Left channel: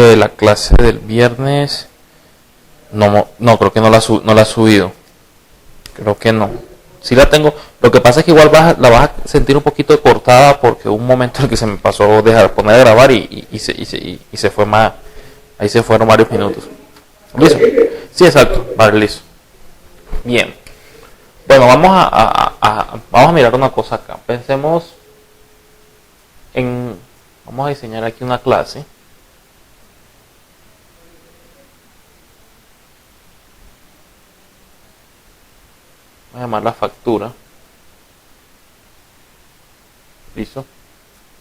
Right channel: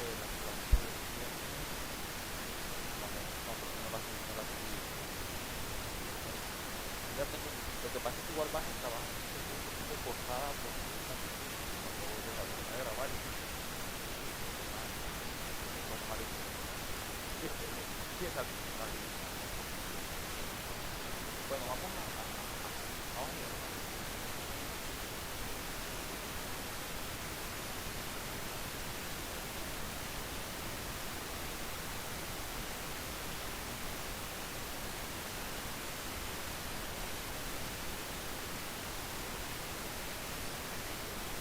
La clase del viernes, no, creo que no la he subido. Creo que no. Sí la tengo. Lo que pasa es que igual la vas a sentir un poquito cortada porque hubo un momento en el que se me pasó dejar poner a grabar y se fue más. Ahí se fueron varios minutos. ¿Listo? Sí, exacto. Vale, listo. Bien. Bueno, vamos a mirar una cosa acá. Pensemos en. Vamos a diseñar aquí una clase. Vamos a llamar la factura. ¿Listo?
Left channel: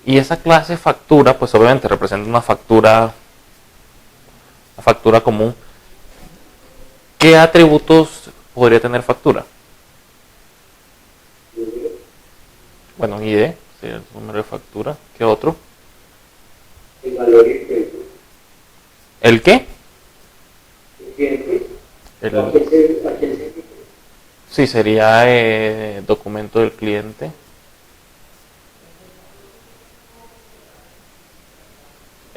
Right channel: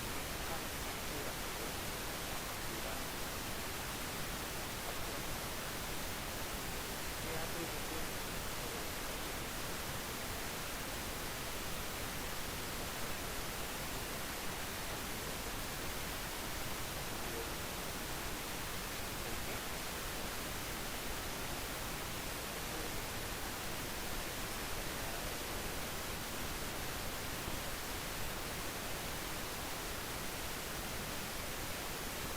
Y esa clase factura, pues obviamente representa una factura común. ¿Qué atributos podría tener factura? Bueno, ID, el número de factura. ¿Qué otro? El valor y el tiempo. ¿El qué? El cliente. El, sí, sería documento del cliente.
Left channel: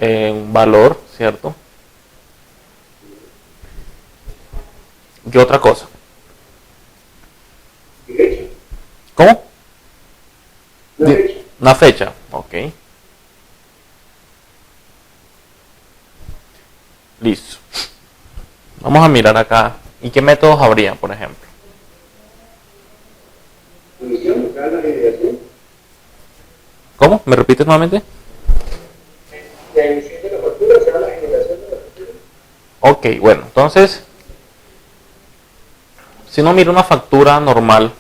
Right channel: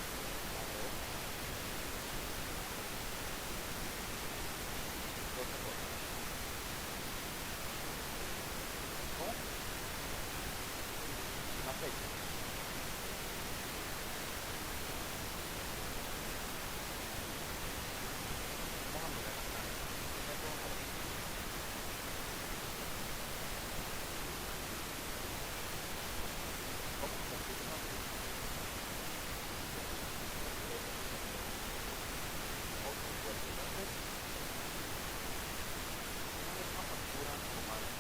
Un valor, ¿cierto? ¿Qué otra cosa? ¿Cómo? Una fecha, ok. Listo. Vamos a mirar acá. ¿Y qué métodos habría, por ejemplo? ¿Cómo? ¿Me repites nuevamente? La emisión de la factura será la generación de la factura. Ok, bueno, entonces, si uno mira una factura normal,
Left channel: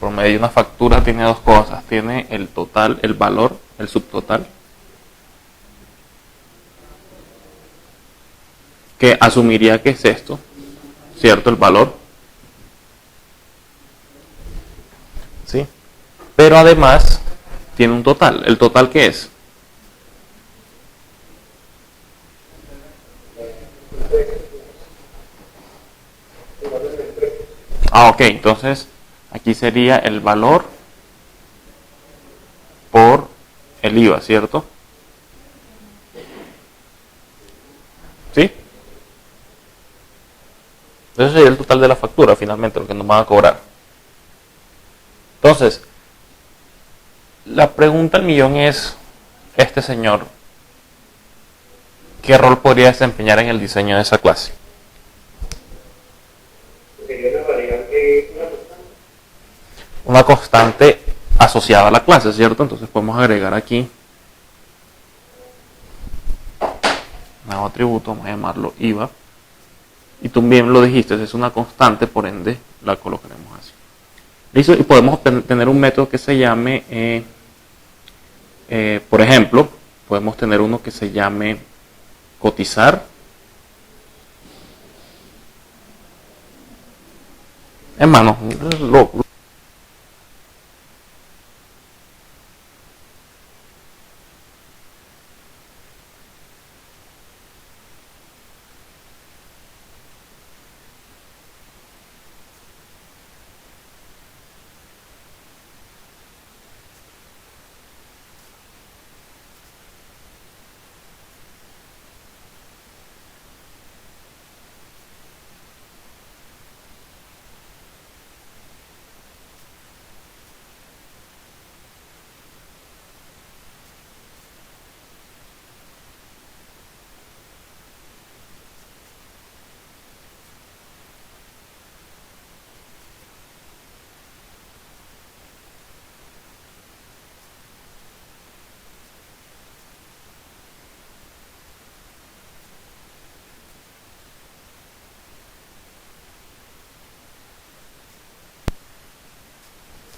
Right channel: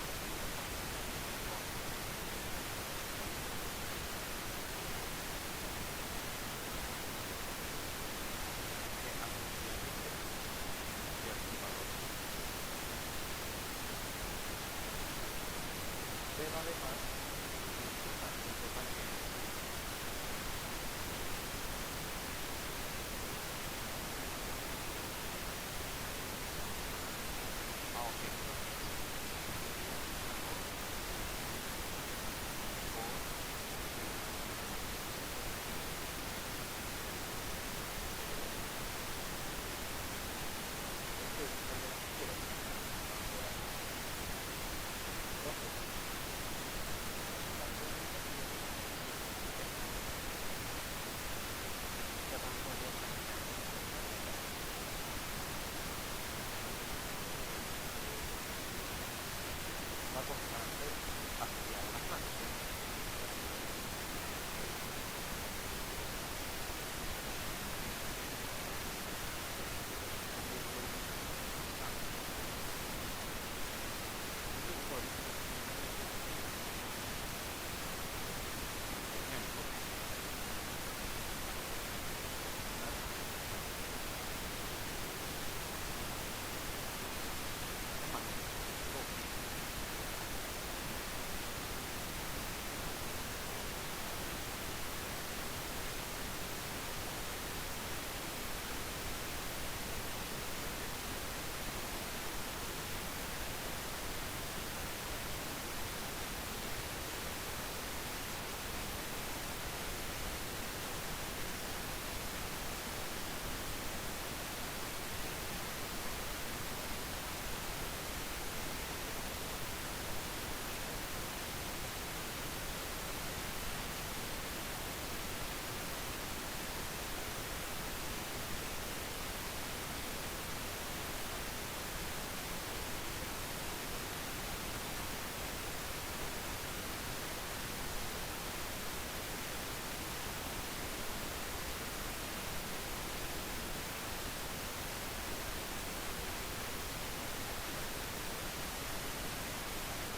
por medio de una factura tiene dos cosas. Tiene el total, el valor, el subtotal, que asumiría que es esto, ¿cierto? El valor. ¿Sí? Pero además tiene un total. ¿El total qué es? Ok, entonces aquí sería el valor por el IVA, ¿cierto? ¿Sí? Ese sería el total de la factura, finalmente, lo que nos van a cobrar. Entonces, la pregunta al millón es, este señor, ¿qué rol podría desempeñar en el diseño de esa clase? Una constante asociada a la clase, ¿cierto? Entonces podemos agregar aquí un nuevo atributo, vamos a llamarlo IVA. Y tú bien lo dijiste, es una constante, por ende la colocaremos así. ¿Listo? Y podemos tener un método que se llame, por ejemplo, podemos tener uno que se llame cotizar. Hermano,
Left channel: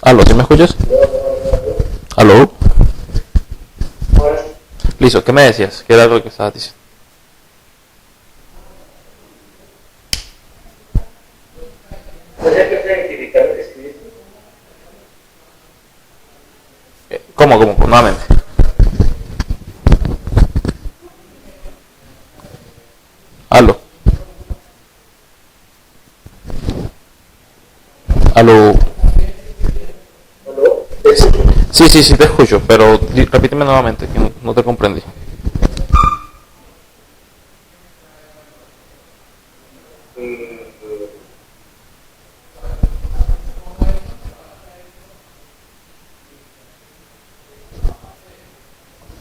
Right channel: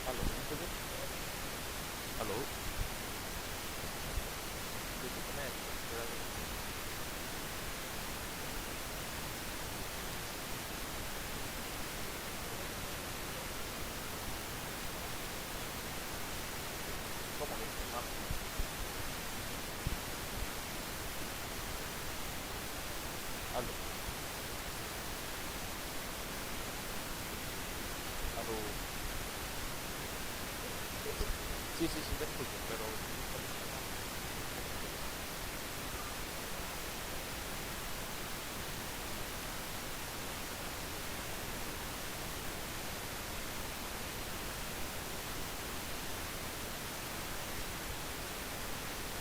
¿aló? ¿Sí me escuchas? ¿Aló? Listo, ¿qué me decías? ¿Qué era lo que estabas diciendo? ¿Cómo? Nuevamente. ¿Aló? ¿Aló? Sí, te escucho, pero repíteme nuevamente, que no te comprendí.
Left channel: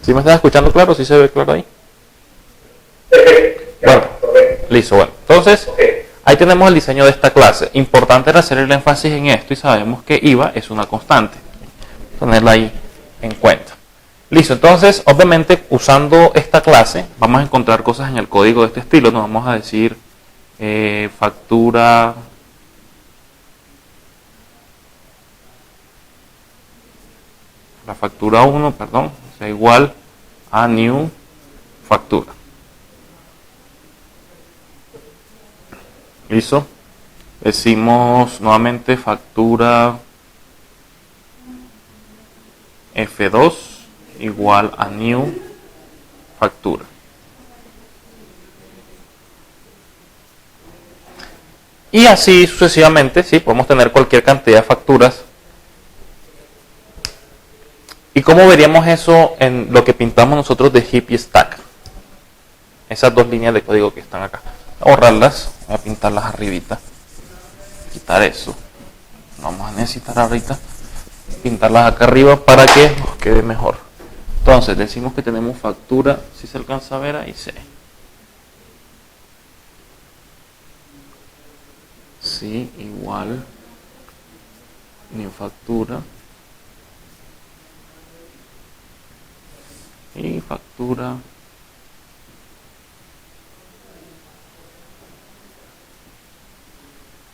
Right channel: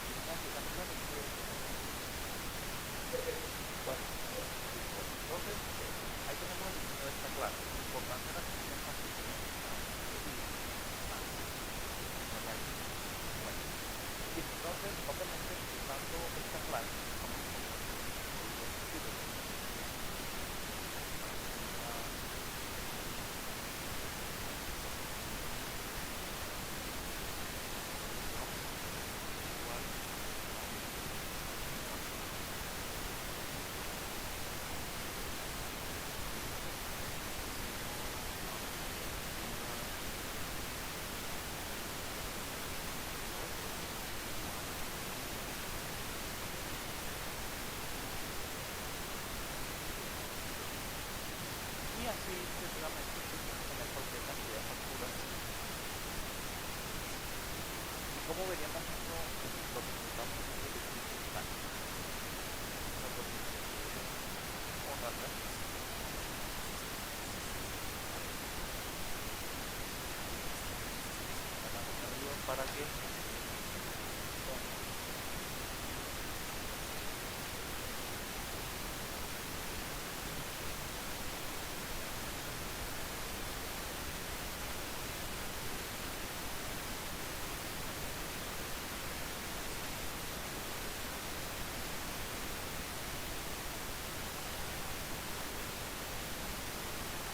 ¿Sí me estás escuchando claro? ¿Sí se ve claro ahí? Bueno, listo, bueno. Entonces, ahí tenemos el diseño de esta clase. Importante era hacer el énfasis en esto y sabemos que IVA es una constante. Ponerla ahí en cuenta. Listo, entonces, obviamente, usando esta clase, vamos a encontrar cosas en el código de este estilo. Nos vamos a decir factura. La factura 1, perdón, sea igual a new factura. Listo. Decimos nuevamente factura F2 igual a new factura. Y así sucesivamente, sí, podemos tener cualquier cantidad de facturas. ¿Y cómo veríamos eso en lo que pintamos nosotros de heap y stack? Esas dos líneas de código que están acá. Borrarlas, voy a pintarlas arribita. Quitar eso. Vamos a necesitar ahorita pintarlas acá arriba para que nos quede mejor. Entonces decimos que tenemos factura, si se alcanza a ver ahí, sí. Sí, igual mi factura y factura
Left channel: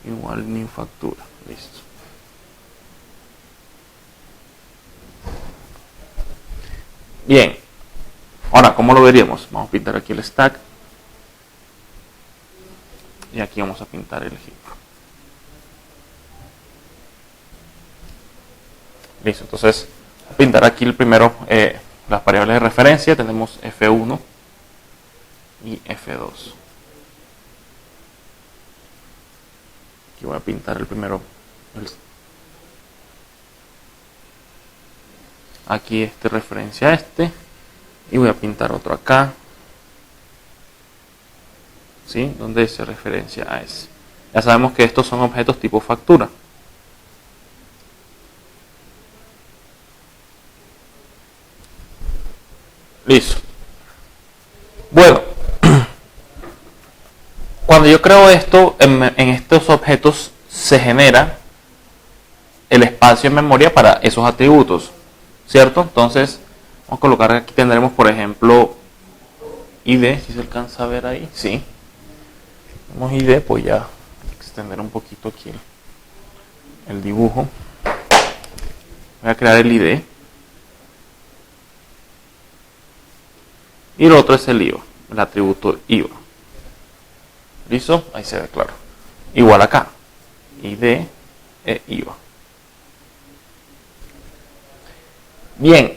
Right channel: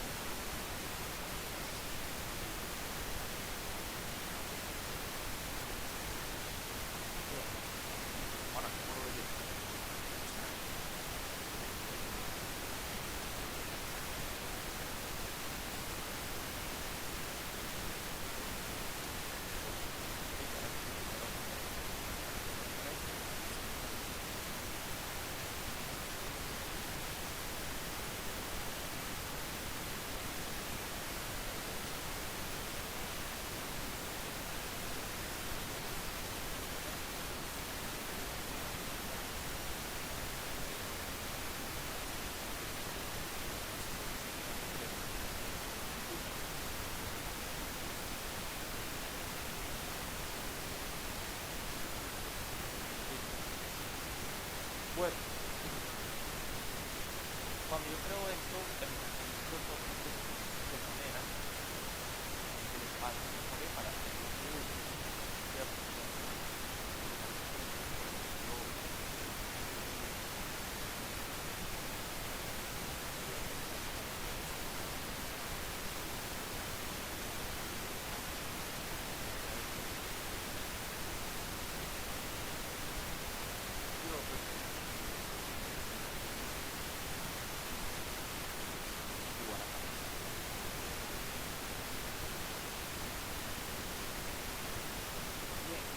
igual mi factura. Listo. Bien, ahora ¿cómo lo veríamos? Vamos a pintar aquí el stack y aquí vamos a pintar el heap. Listo, entonces voy a pintar aquí el primero las variables de referencia. Tenemos F1 y F2. Aquí voy a pintar el primero. Aquí este referencia a este. Y voy a pintar otro acá. ¿Sí? Donde se referencia a ese. Ya sabemos que estos son objetos tipo factura. Listo. Bueno, cuando yo creo esto, en estos objetos se genera el espacio en memoria para esos atributos, ¿cierto? Entonces, vamos a colocar aquí, tendremos por ejemplo ID, si se alcanza a ver ahí, sí. Tenemos ID, pues ya extender un poquito aquí el dibujo. Voy a crear el ID. Y el otro es el IVA, el atributo IVA. ¿Listo? Ahí se ve claro. Igual acá. ID e IVA. Bien.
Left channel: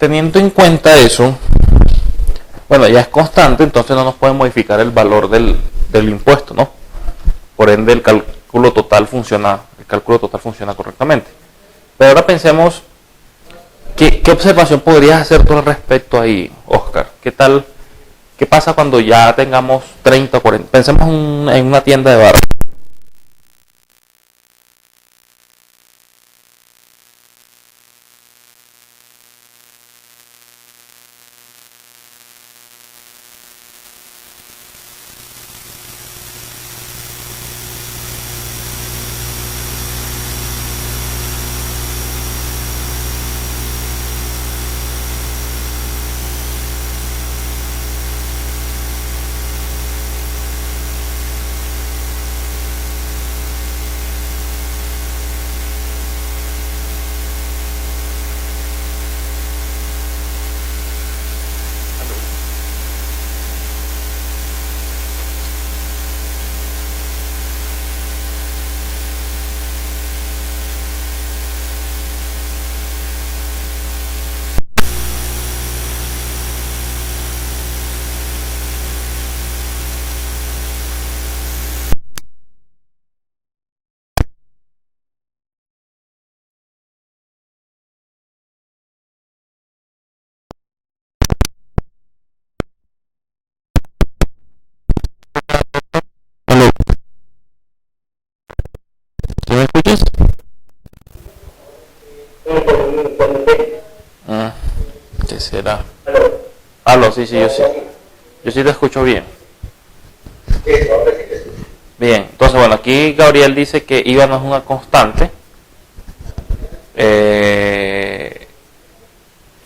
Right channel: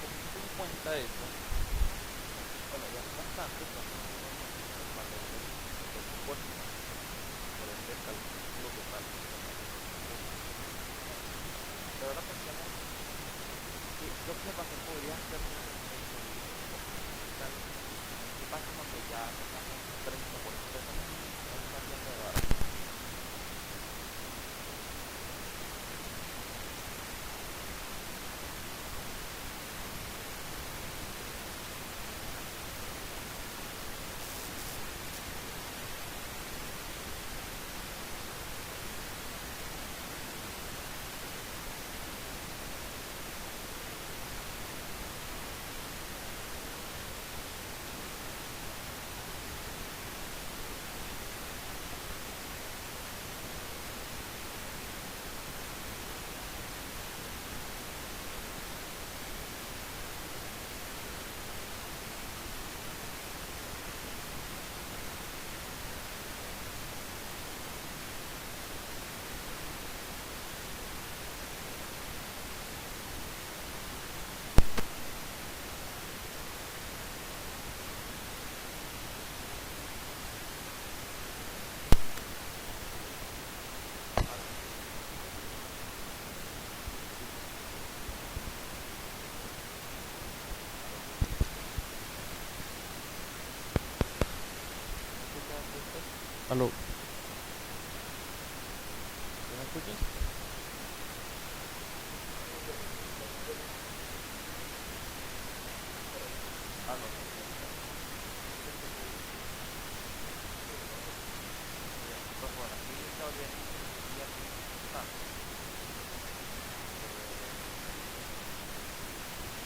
Teniendo en cuenta eso, bueno, ya es constante, entonces no nos puede modificar el valor del impuesto, ¿no? Por ende, el cálculo total funciona correctamente. Pero ahora pensemos, ¿qué observación podrías hacer tú al respecto ahí, Oscar? ¿Qué tal? ¿Qué pasa cuando ya tengamos 30 o 40? Pensemos en una tienda de barrio. Aló, sí, sí, yo sí te escucho bien. Eso, ahora sí te escucho. Bien, entonces bueno, aquí Gabriel dice que IVA no es una constante.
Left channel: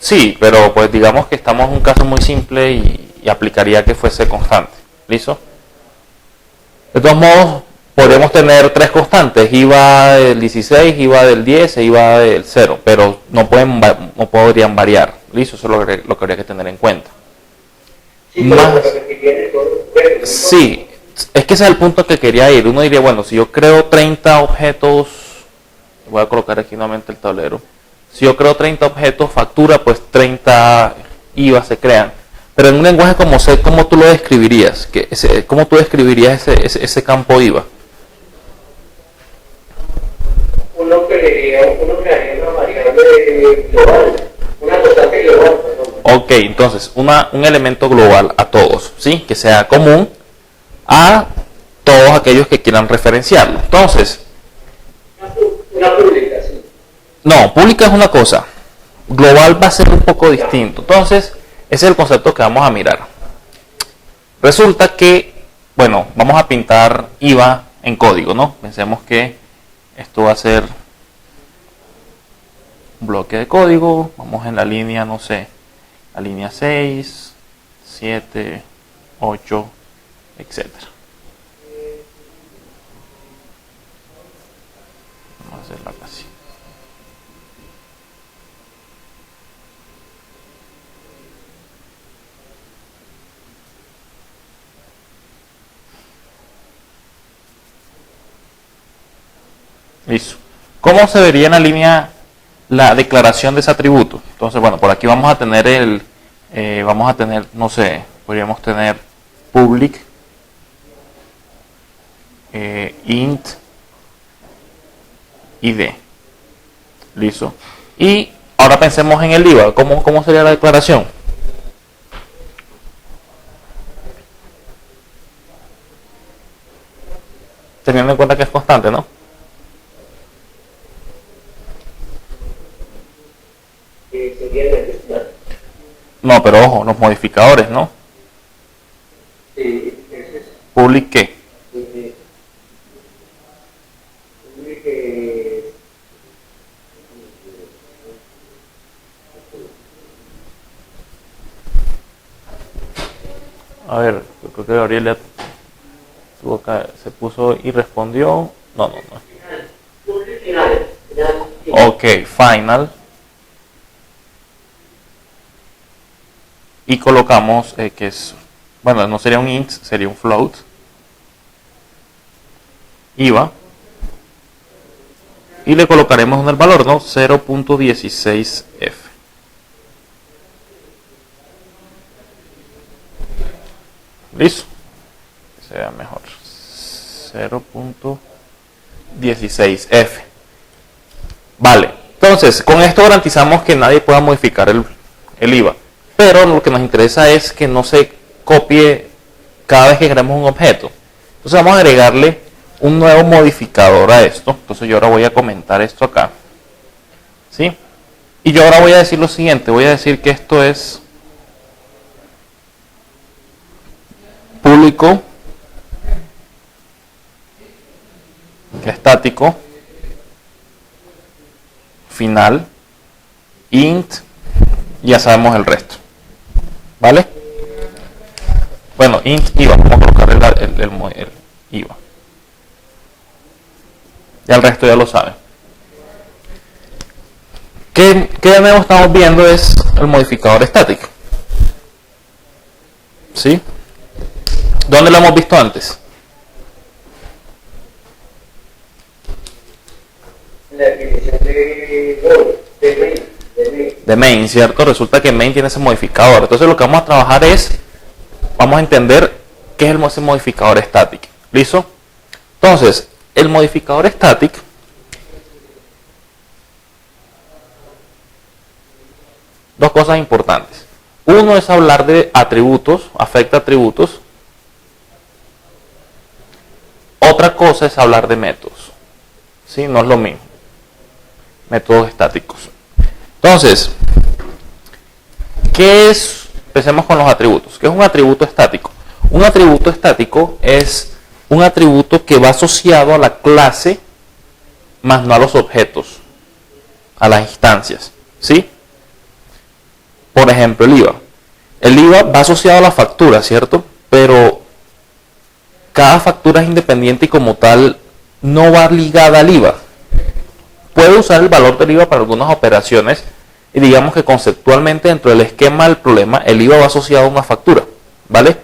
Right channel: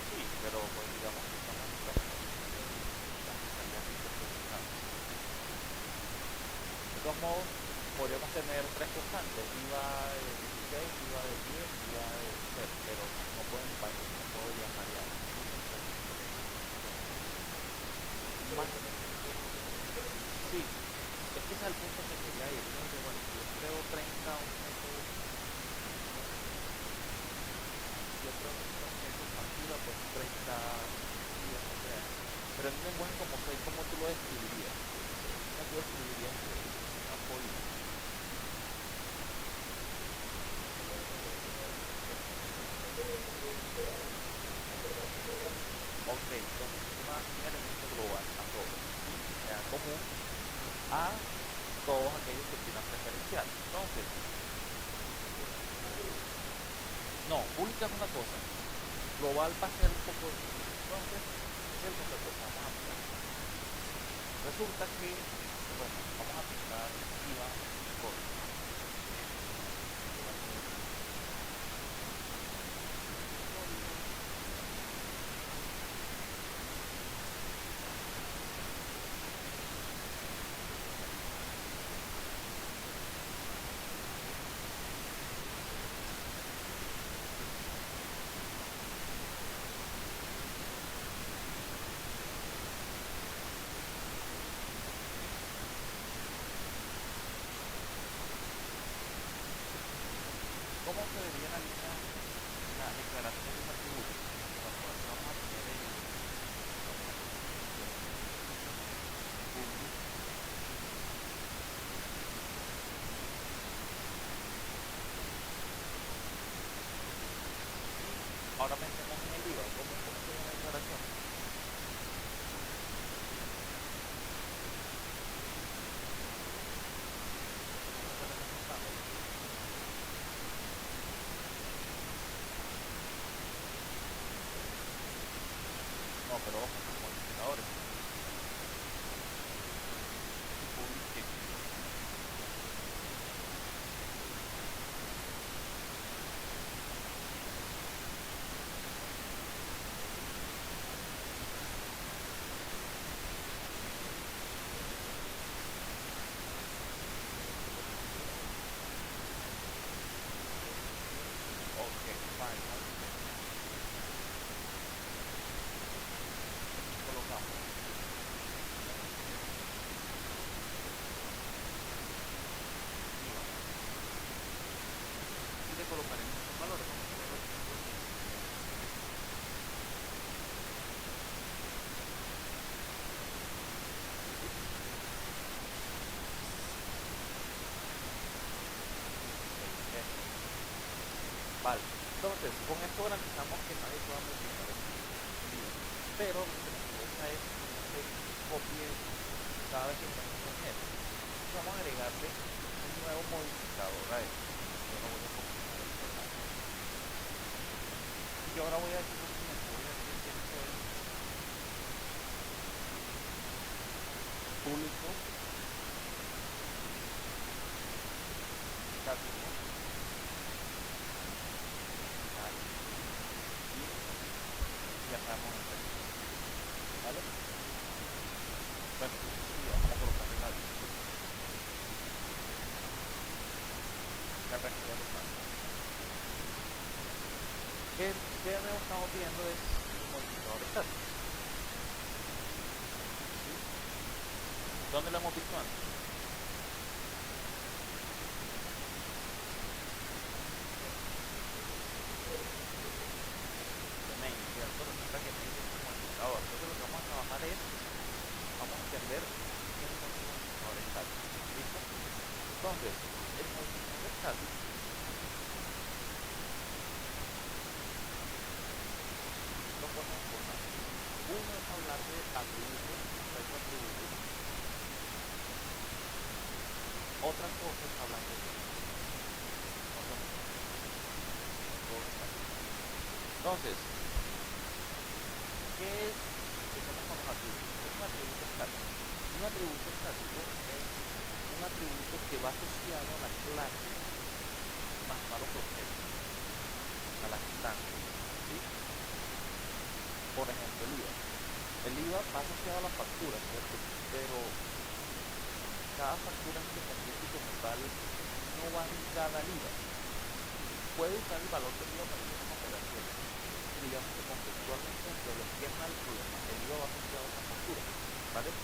Sí, pero pues digamos que estamos en un caso muy simple y aplicaría que fuese constante. ¿Listo? De todos modos, podemos tener tres constantes, IVA del 16, IVA del 10 e IVA del 0, pero no podrían variar. ¿Listo? Eso es lo que habría que tener en cuenta. Sí, Más, pero si tienes todo, sí, es que ese es el punto que quería ir. Uno diría, bueno, si yo creo 30 objetos, voy a colocar aquí nuevamente el tablero. Si yo creo 30 objetos, factura, pues 30 IVA se crean. Pero en un lenguaje como C, ¿cómo tú lo describirías? ¿Cómo tú describirías ese campo IVA? uno crearía una variable global, una constante global, perdón. Ok, entonces, un elemento global a todos, ¿sí? Que sea común a todos aquellos que quieran referenciarlo. Entonces, Una pública, sí. no, pública es una cosa, global va a ser un poco distinto. Entonces, ese es el concepto que vamos a mirar. Resulta que, bueno, vamos a pintar IVA en código, ¿no? Pensemos que esto va a ser un bloque de código. Vamos en la línea, no sé, la línea 6, 7, 8, etcétera. Vamos a hacerlo así. Listo. ¿Cómo se vería en la línea la declaración de ese atributo? Entonces, bueno, por aquí vamos a tener no sé, podríamos tener public int id. Listo. Y ahora pensemos en el IVA. ¿Cómo sería la declaración? Teniendo en cuenta que es constante, ¿no? Sería el ejemplar. No, pero ojo, los modificadores, ¿no? Sí, ese es Public qué. que A ver, yo creo que Gabriel ya se puso y respondió. No, no, no. final. Ok, final. Y colocamos que es, bueno, no sería un int, sería un float. IVA. Y le colocaremos en el valor, ¿no? 0.16f. Listo. Sea mejor. 0.16f. Vale. Entonces, con esto garantizamos que nadie pueda modificar el IVA. Pero lo que nos interesa es que no se copie cada vez que creemos un objeto. Entonces vamos a agregarle un nuevo modificador a esto. Entonces yo ahora voy a comentar esto acá. ¿Sí? Y yo ahora voy a decir lo siguiente. Voy a decir que esto es público estático final int, ya sabemos el resto, ¿vale? Bueno, int IVA, vamos a colocar el IVA, ya el resto ya lo saben. ¿Qué de nuevo estamos viendo? Es el modificador estático, ¿sí? ¿Dónde lo hemos visto antes? La definición de main, ¿cierto? Resulta que main tiene ese modificador. Entonces lo que vamos a trabajar es, vamos a entender qué es ese modificador static. ¿Listo? Entonces, el modificador static dos cosas importantes. Uno es hablar de atributos, afecta atributos. Otra cosa es hablar de métodos. ¿Sí? No es lo mismo. Métodos estáticos. Entonces, ¿qué es empecemos con los atributos. ¿Qué es un atributo estático? Un atributo estático es un atributo que va asociado a la clase, más no a los objetos, a las instancias, ¿sí? Por ejemplo, el IVA. El IVA va asociado a la factura, ¿cierto? Pero cada factura es independiente y como tal no va ligada al IVA. Puede usar el valor del IVA para algunas operaciones y digamos que conceptualmente dentro del esquema del problema el IVA va asociado a una factura, ¿vale?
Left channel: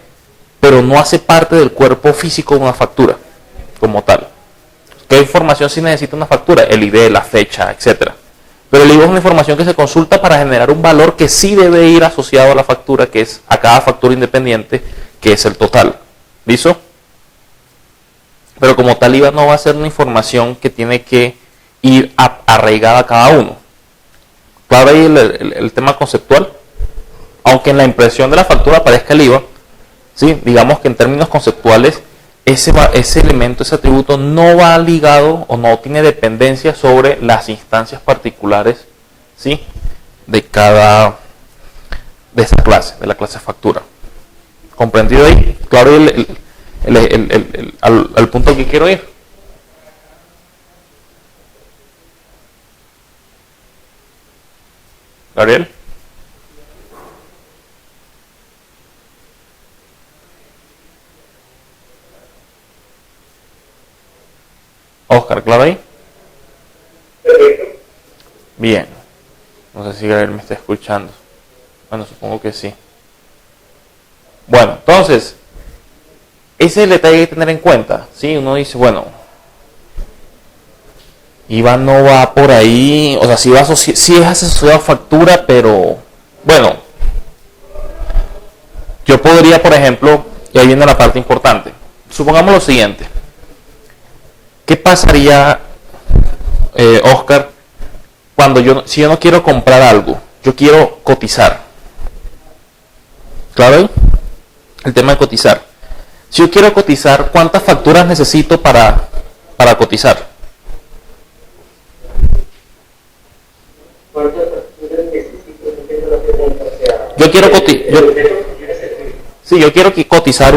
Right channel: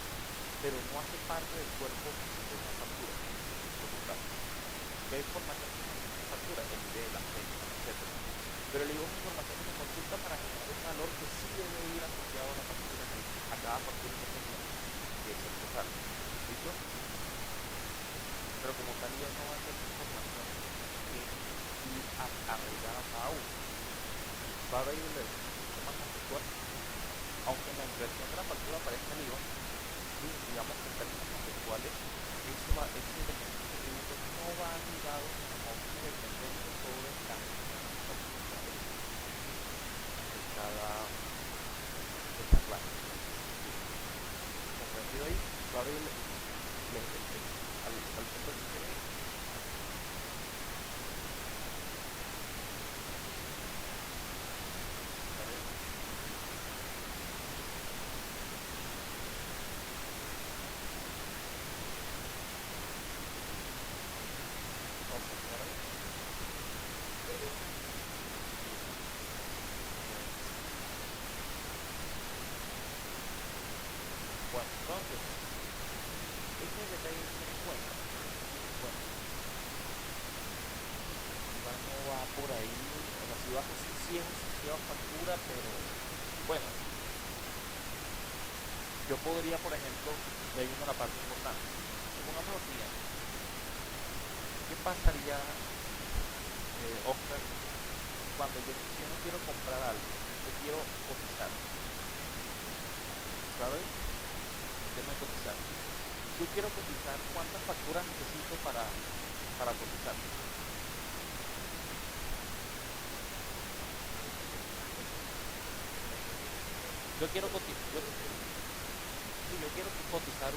Pero no hace parte del cuerpo físico de una factura como tal. ¿Qué información sí necesita una factura? El ID, la fecha, etcétera. Pero el IVA es una información que se consulta para generar un valor que sí debe ir asociado a la factura, que es a cada factura independiente, que es el total. ¿Listo? Pero como tal IVA no va a ser una información que tiene que ir arraigada a cada uno. Claro ahí el tema conceptual. Aunque en la impresión de la factura aparezca el IVA, ¿sí? Digamos que en términos conceptuales ese elemento, ese atributo no va ligado o no tiene dependencia sobre las instancias particulares, ¿sí? De esa clase, de la clase factura. ¿Comprendido ahí? Claro al punto que quiero ir. Gabriel. Oscar, ¿claro ahí? Bien. No sé si Gabriel me está escuchando. Bueno, supongo que sí. Bueno, entonces, ese es el detalle que hay que tener en cuenta. ¿Sí? Uno dice, bueno, IVA no va por ahí, o sea, sí es asociado a factura, pero bueno, yo podría, por ejemplo, y ahí viene la parte importante. Supongamos lo siguiente. ¿Qué pasaría, Oscar, cuando si yo no quiero comprar algo, yo quiero cotizar? ¿Claro? El tema de cotizar. Si yo quiero cotizar, ¿cuántas facturas necesito para cotizar? Yo quiero yo quiero cotizar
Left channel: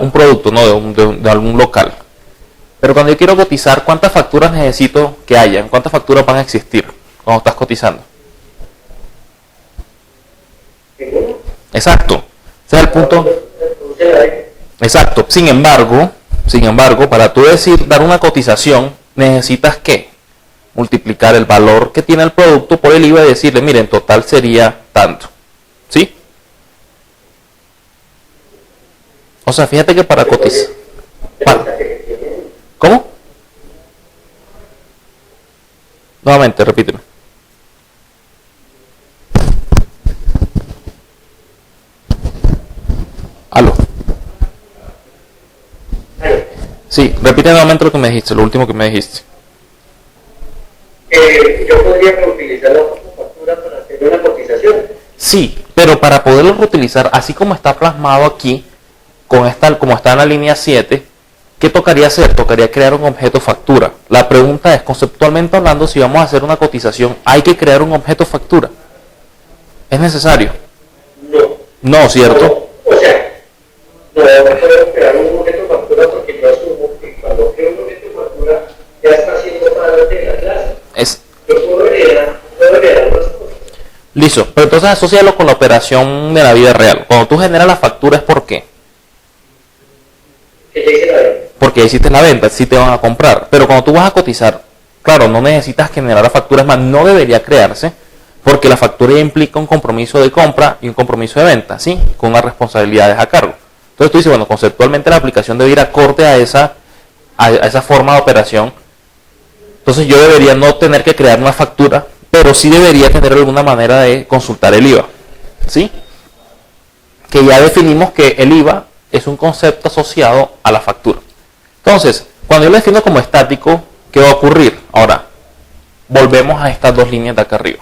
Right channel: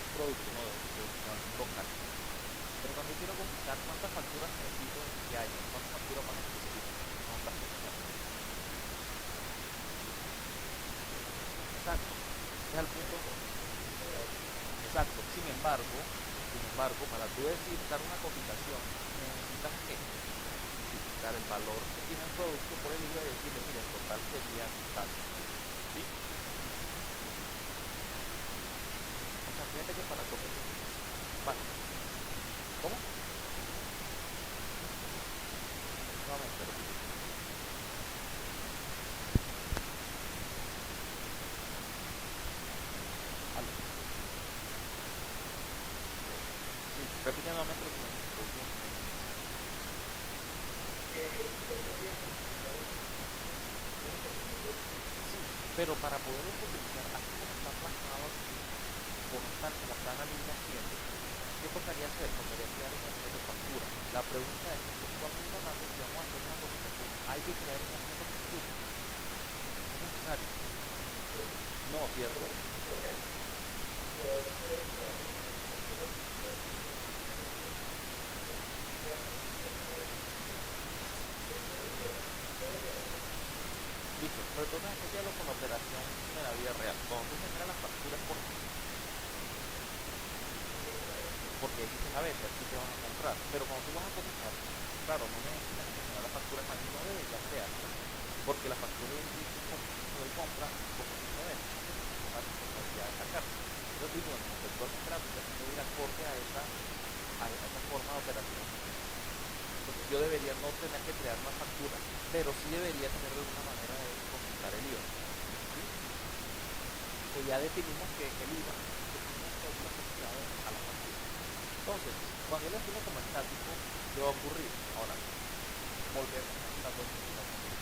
un producto, ¿no? de algún local. Pero cuando yo quiero cotizar, ¿cuántas facturas necesito que hayan? ¿Cuántas facturas van a existir cuando estás cotizando? Exacto. Ese es el punto. Exacto. Sin embargo, para tú dar una cotización, necesitas ¿qué? Multiplicar el valor que tiene el producto por el IVA y decirle, mire, en total sería tanto. ¿Sí? O sea, fíjate que para cotizar... ¿Cómo? Nuevamente, repíteme. Aló. Sí, repite nuevamente lo que me dijiste, lo último que me dijiste. Yo podría reutilizar la factura para hacer una cotización. Sí, pero para poderlo reutilizar, así como está plasmado aquí, como está en la línea 7, ¿qué tocaría hacer? Tocaría crear un objeto factura. La pregunta es, conceptualmente hablando, si vamos a hacer una cotización, ¿hay que crear un objeto factura? ¿Es necesario? No. No, ¿cierto? O sea, no puedo crear un objeto factura porque yo asumo que cuando creo un objeto factura ya está siendo parte de la clase. Yo puedo heredar unas cosas. Listo, pero entonces asócialo con la operación de la vida real. Cuando tú generas la factura, ¿es por qué? Porque hiciste la venta, sí te van a comprar. Pero cuando tú vas a cotizar, claro, no necesitas generar la factura, es más, no debería crearse, porque la factura ya implica un compromiso de compra y un compromiso de venta, ¿sí? Con unas responsabilidades a cargo. Entonces tú dices, bueno, conceptualmente la aplicación debe ir acorde a esa forma de operación. Entonces yo debería no tener que crear una factura, pero sí debería tener alguna manera de consultar el IVA, ¿sí? Que ya definimos que el IVA es un concepto asociado a la factura. Entonces, cuando yo lo defino como estático, ¿qué va a ocurrir? Ahora, volvemos a estas dos líneas de acá arriba.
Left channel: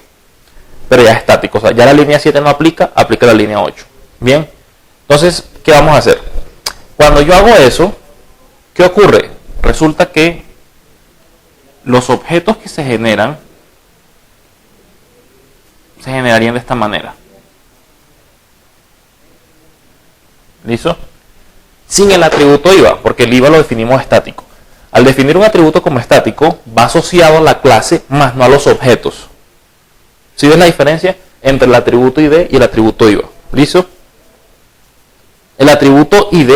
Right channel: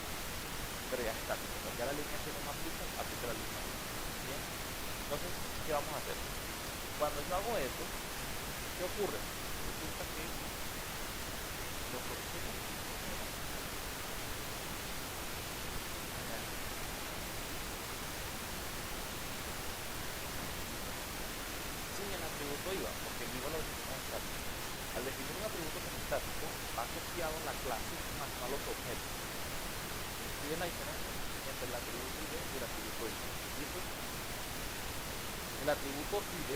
Pero ya es estático, o sea, ya la línea 7 no aplica, aplica la línea 8. Bien, entonces, ¿qué vamos a hacer? Cuando yo hago eso, ¿qué ocurre? Resulta que los objetos que se generarían de esta manera. ¿Listo? Sin el atributo IVA, porque el IVA lo definimos estático. Al definir un atributo como estático, va asociado a la clase más no a los objetos. ¿Sí ves la diferencia entre el atributo ID y el atributo IVA? ¿Listo? El atributo ID,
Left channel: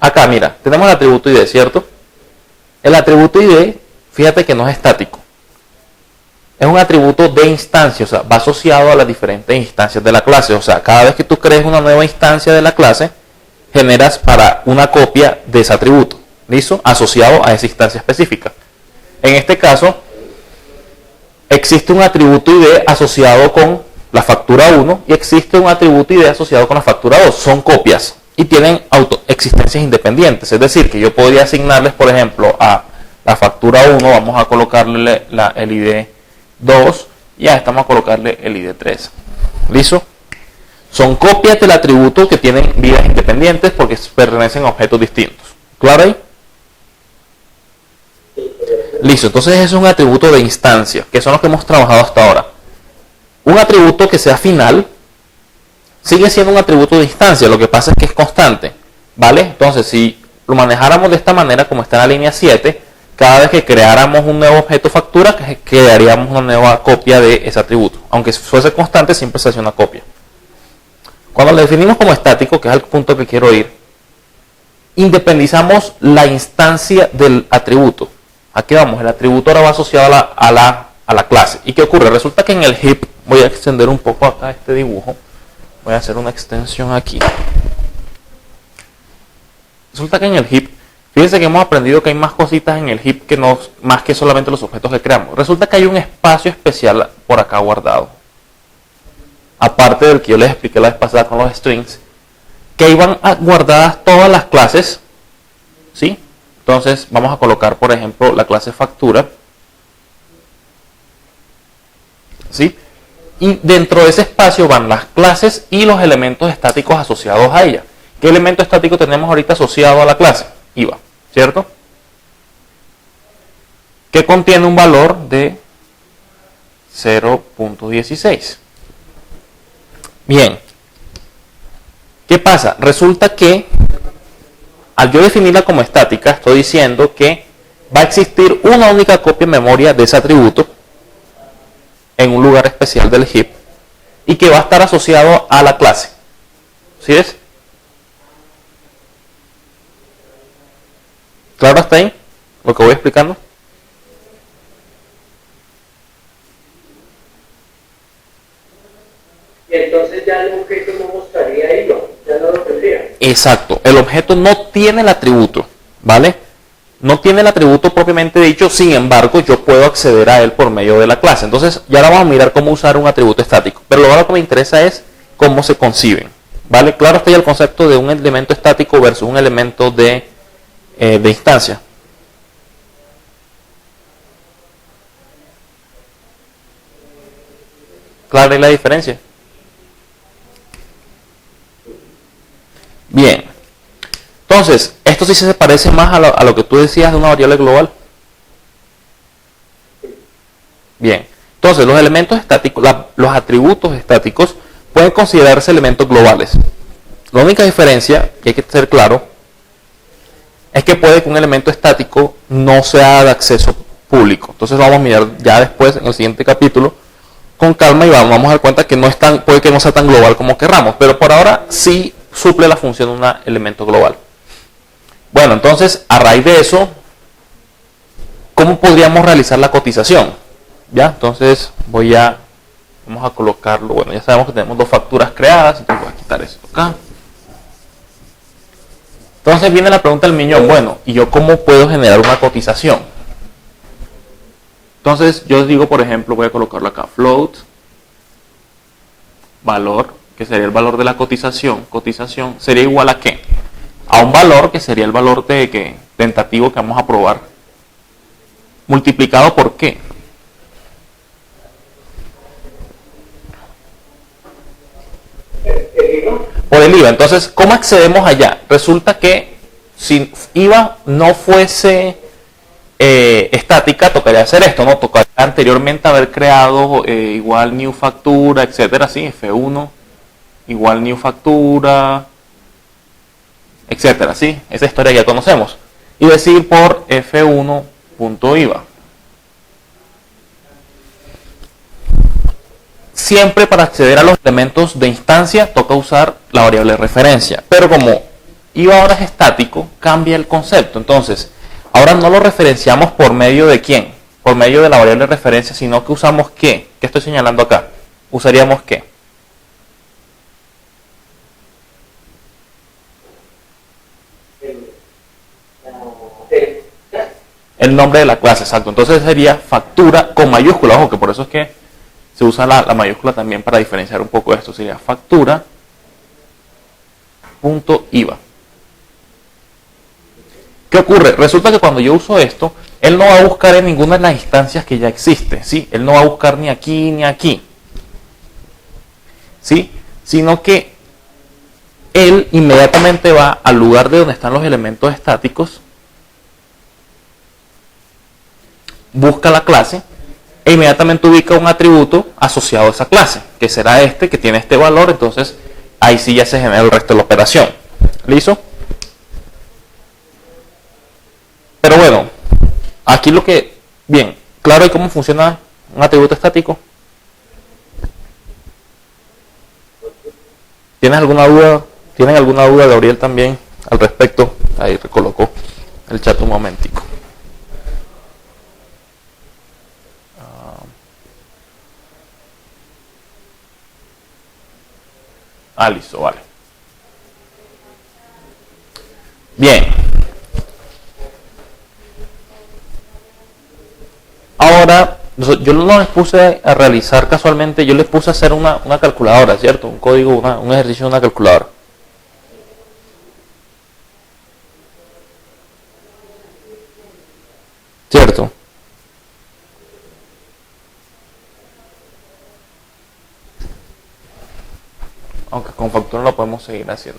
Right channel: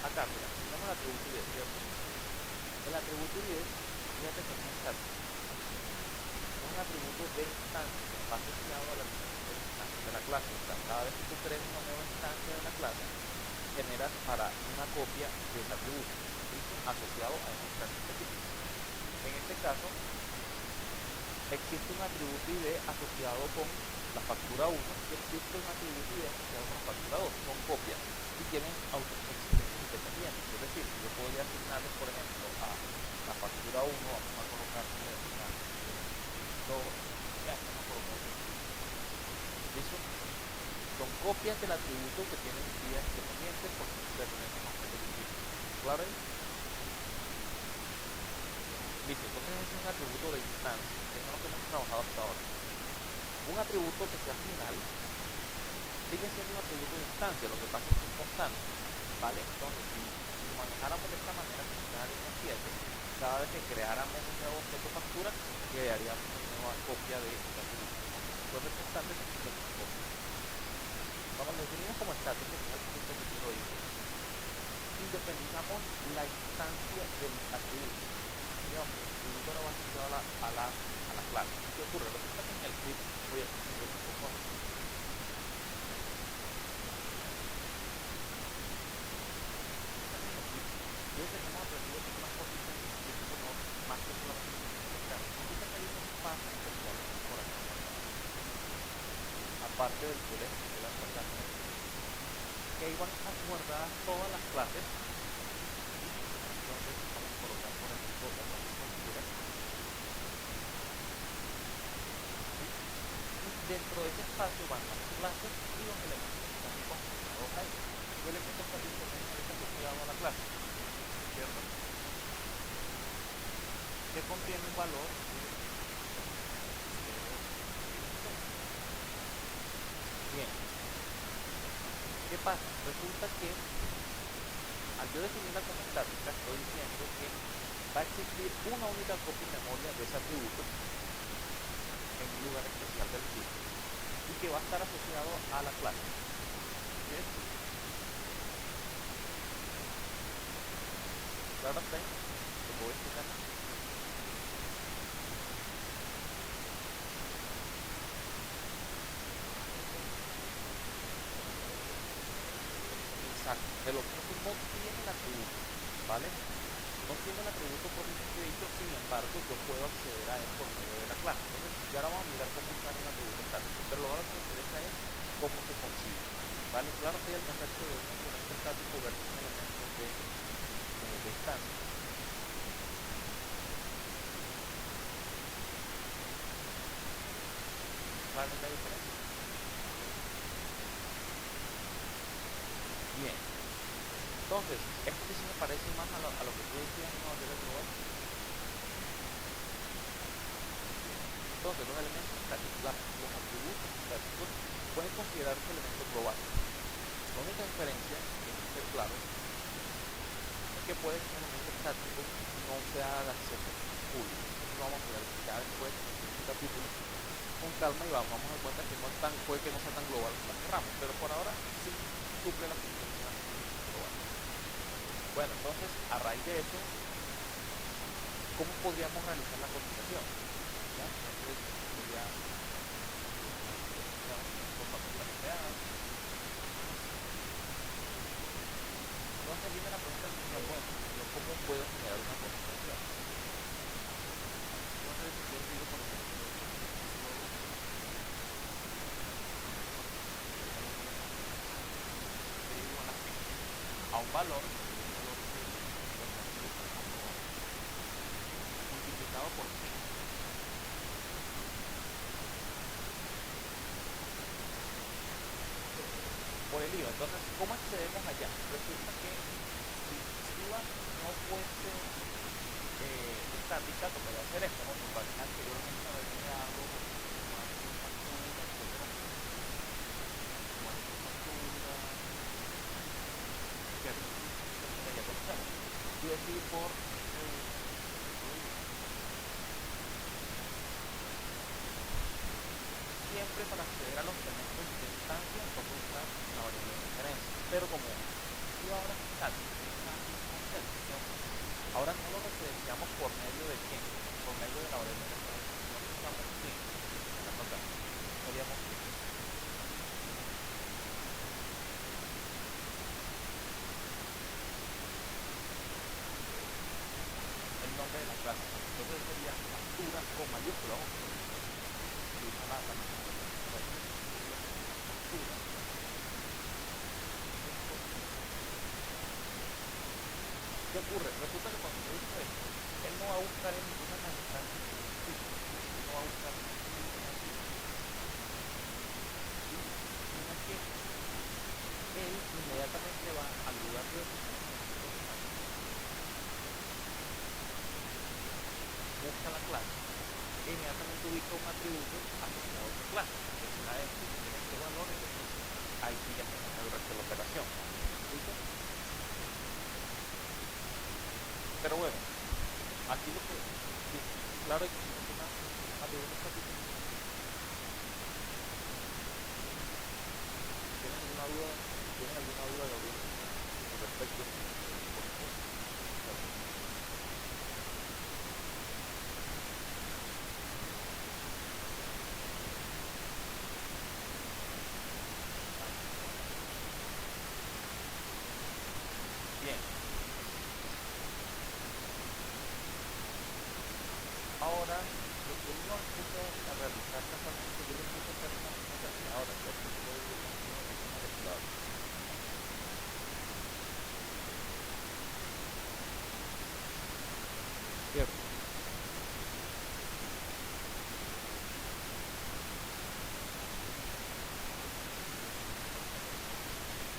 acá mira, tenemos el atributo ID, ¿cierto? El atributo ID, fíjate que no es estático. Es un atributo de instancia, o sea, va asociado a las diferentes instancias de la clase. O sea, cada vez que tú crees una nueva instancia de la clase, generas para una copia de ese atributo. ¿Listo? Asociado a esa instancia específica. En este caso, existe un atributo ID asociado con la factura 1 y existe un atributo ID asociado con la factura 2. Son copias y tienen existencias independientes. Es decir, que yo podría asignarles, por ejemplo, a la factura 1, vamos a colocarle el ID 2 y a esta vamos a colocarle el ID 3. ¿Listo? Son copias del atributo que tienen vidas independientes porque pertenecen a objetos distintos. ¿Claro ahí? Listo, entonces es un atributo de instancia, que son los que hemos trabajado hasta ahora. Un atributo que sea final sigue siendo un atributo de instancia, lo que pasa es que es constante, ¿vale? Entonces, si lo manejáramos de esta manera, como está en la línea 7, cada vez que creáramos un nuevo objeto factura, crearíamos una nueva copia de ese atributo. Aunque fuese constante, siempre se hace una copia. Cuando lo definimos como estático, que es el punto que quiero ir, independizamos la instancia del atributo. Aquí vamos, el atributo ahora va asociado a la clase. ¿Y qué ocurre? Resulta que en el heap, voy a extender un poco acá este dibujo, voy a hacer una extensión aquí. Resulta que en el heap, fíjense que hemos aprendido que hay más cositas en el heap que más que solamente los objetos que creamos. Resulta que hay un espacio especial por acá guardado. Aparte del que yo les expliqué la vez pasada con los strings, que iban guardadas todas las clases, ¿sí? Entonces vamos a colocar, por ejemplo, la clase factura, ¿sí? Y dentro de ese espacio van las clases y los elementos estáticos asociados a ella. ¿Qué elemento estático tenemos ahorita asociado a la clase? IVA, ¿cierto? Que contiene un valor de 0.16. Bien, ¿qué pasa? Resulta que al yo definirla como estática, estoy diciendo que va a existir una única copia en memoria de ese atributo en un lugar especial del heap y que va a estar asociado a la clase. ¿Sí es? ¿Claro hasta ahí lo que voy explicando? Y entonces ya el objeto no mostraría IVA, ya no lo tendría. Exacto, el objeto no tiene el atributo, ¿vale? No tiene el atributo propiamente dicho, sin embargo, yo puedo acceder a él por medio de la clase. Entonces, ya ahora vamos a mirar cómo usar un atributo estático. Pero lo que me interesa es cómo se conciben, ¿vale? Claro está ya el concepto de un elemento estático versus un elemento de instancia. ¿Clara es la diferencia? Bien, entonces, esto sí se parece más a lo que tú decías de una variable global. Bien, entonces los elementos estáticos, los atributos estáticos pueden considerarse elementos globales. La única diferencia, que hay que ser claro, es que puede que un elemento estático no sea de acceso público. Entonces vamos a mirar ya después, en el siguiente capítulo, con calma y vamos a dar cuenta que puede que no sea tan global como querramos, pero por ahora sí suple la función de un elemento global. Bueno, entonces, a raíz de eso, ¿cómo podríamos realizar la cotización? Ya, entonces vamos a colocarlo. Bueno, ya sabemos que tenemos dos facturas creadas, entonces voy a quitar esto acá. Entonces viene la pregunta del millón, bueno, ¿y yo cómo puedo generar una cotización? Entonces yo digo, por ejemplo, voy a colocarlo acá, float, valor, que sería el valor de la cotización. Cotización sería igual a ¿qué? A un valor que sería el valor tentativo que vamos a probar, multiplicado por ¿qué? Por el IVA. Entonces, ¿cómo accedemos allá? Resulta que si IVA no fuese estática, tocaría hacer esto, ¿no? Tocaría anteriormente haber creado igual new factura, etcétera, así, F1 igual new factura, etcétera, ¿sí? Esa historia ya conocemos. Y decir por F1.IVA. Siempre para acceder a los elementos de instancia toca usar la variable de referencia. Pero como IVA ahora es estático, cambia el concepto. Entonces, ahora no lo referenciamos por medio de quién, por medio de la variable de referencia, sino que usamos qué. ¿Qué estoy señalando acá? Usaríamos qué. El nombre de la clase, exacto. Entonces sería factura con mayúscula. Ojo, que por eso es que se usa la mayúscula también para diferenciar un poco esto. Sería factura.IVA. ¿Qué ocurre? Resulta que cuando yo uso esto, él no va a buscar en ninguna de las instancias que ya existe, ¿sí? Él no va a buscar ni aquí ni aquí, ¿sí? Sino que él inmediatamente va al lugar de donde están los elementos estáticos, busca la clase e inmediatamente ubica un atributo asociado a esa clase, que será este, que tiene este valor. Entonces ahí sí ya se genera el resto de la operación. ¿Listo? Pero bueno, aquí lo que... Bien, claro, ¿y cómo funciona un atributo estático? ¿Tienes alguna duda? ¿Tienen alguna duda, Gabriel, también al respecto? Ahí recolocó el chat un momentico. Listo, vale. Bien. Ahora, yo no les puse a realizar casualmente, yo les puse a hacer una calculadora, ¿cierto? Un código, un ejercicio de una calculadora. ¿Cierto? Aunque con factura lo podemos seguir haciendo.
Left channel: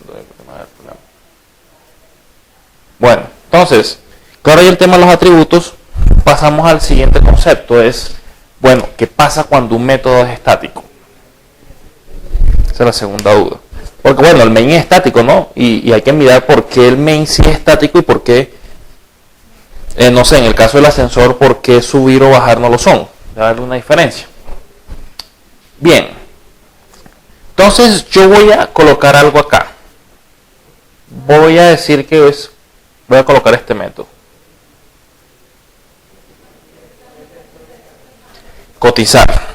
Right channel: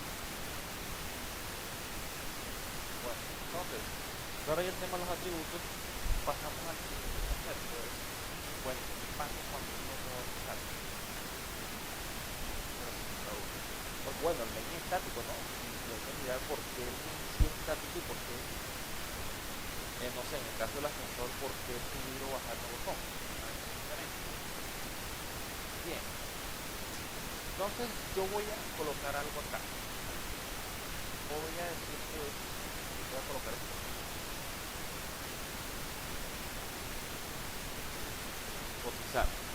Bueno, entonces, claro, y el tema de los atributos, pasamos al siguiente concepto. Es, bueno, ¿qué pasa cuando un método es estático? Esa es la segunda duda. Porque bueno, el main es estático, ¿no? Y hay que mirar por qué el main sí es estático y por qué, no sé, en el caso del ascensor, por qué subir o bajar no lo son. Va a haber una diferencia. Bien. Entonces yo voy a colocar algo acá. Voy a decir que voy a colocar este método. Cotizar.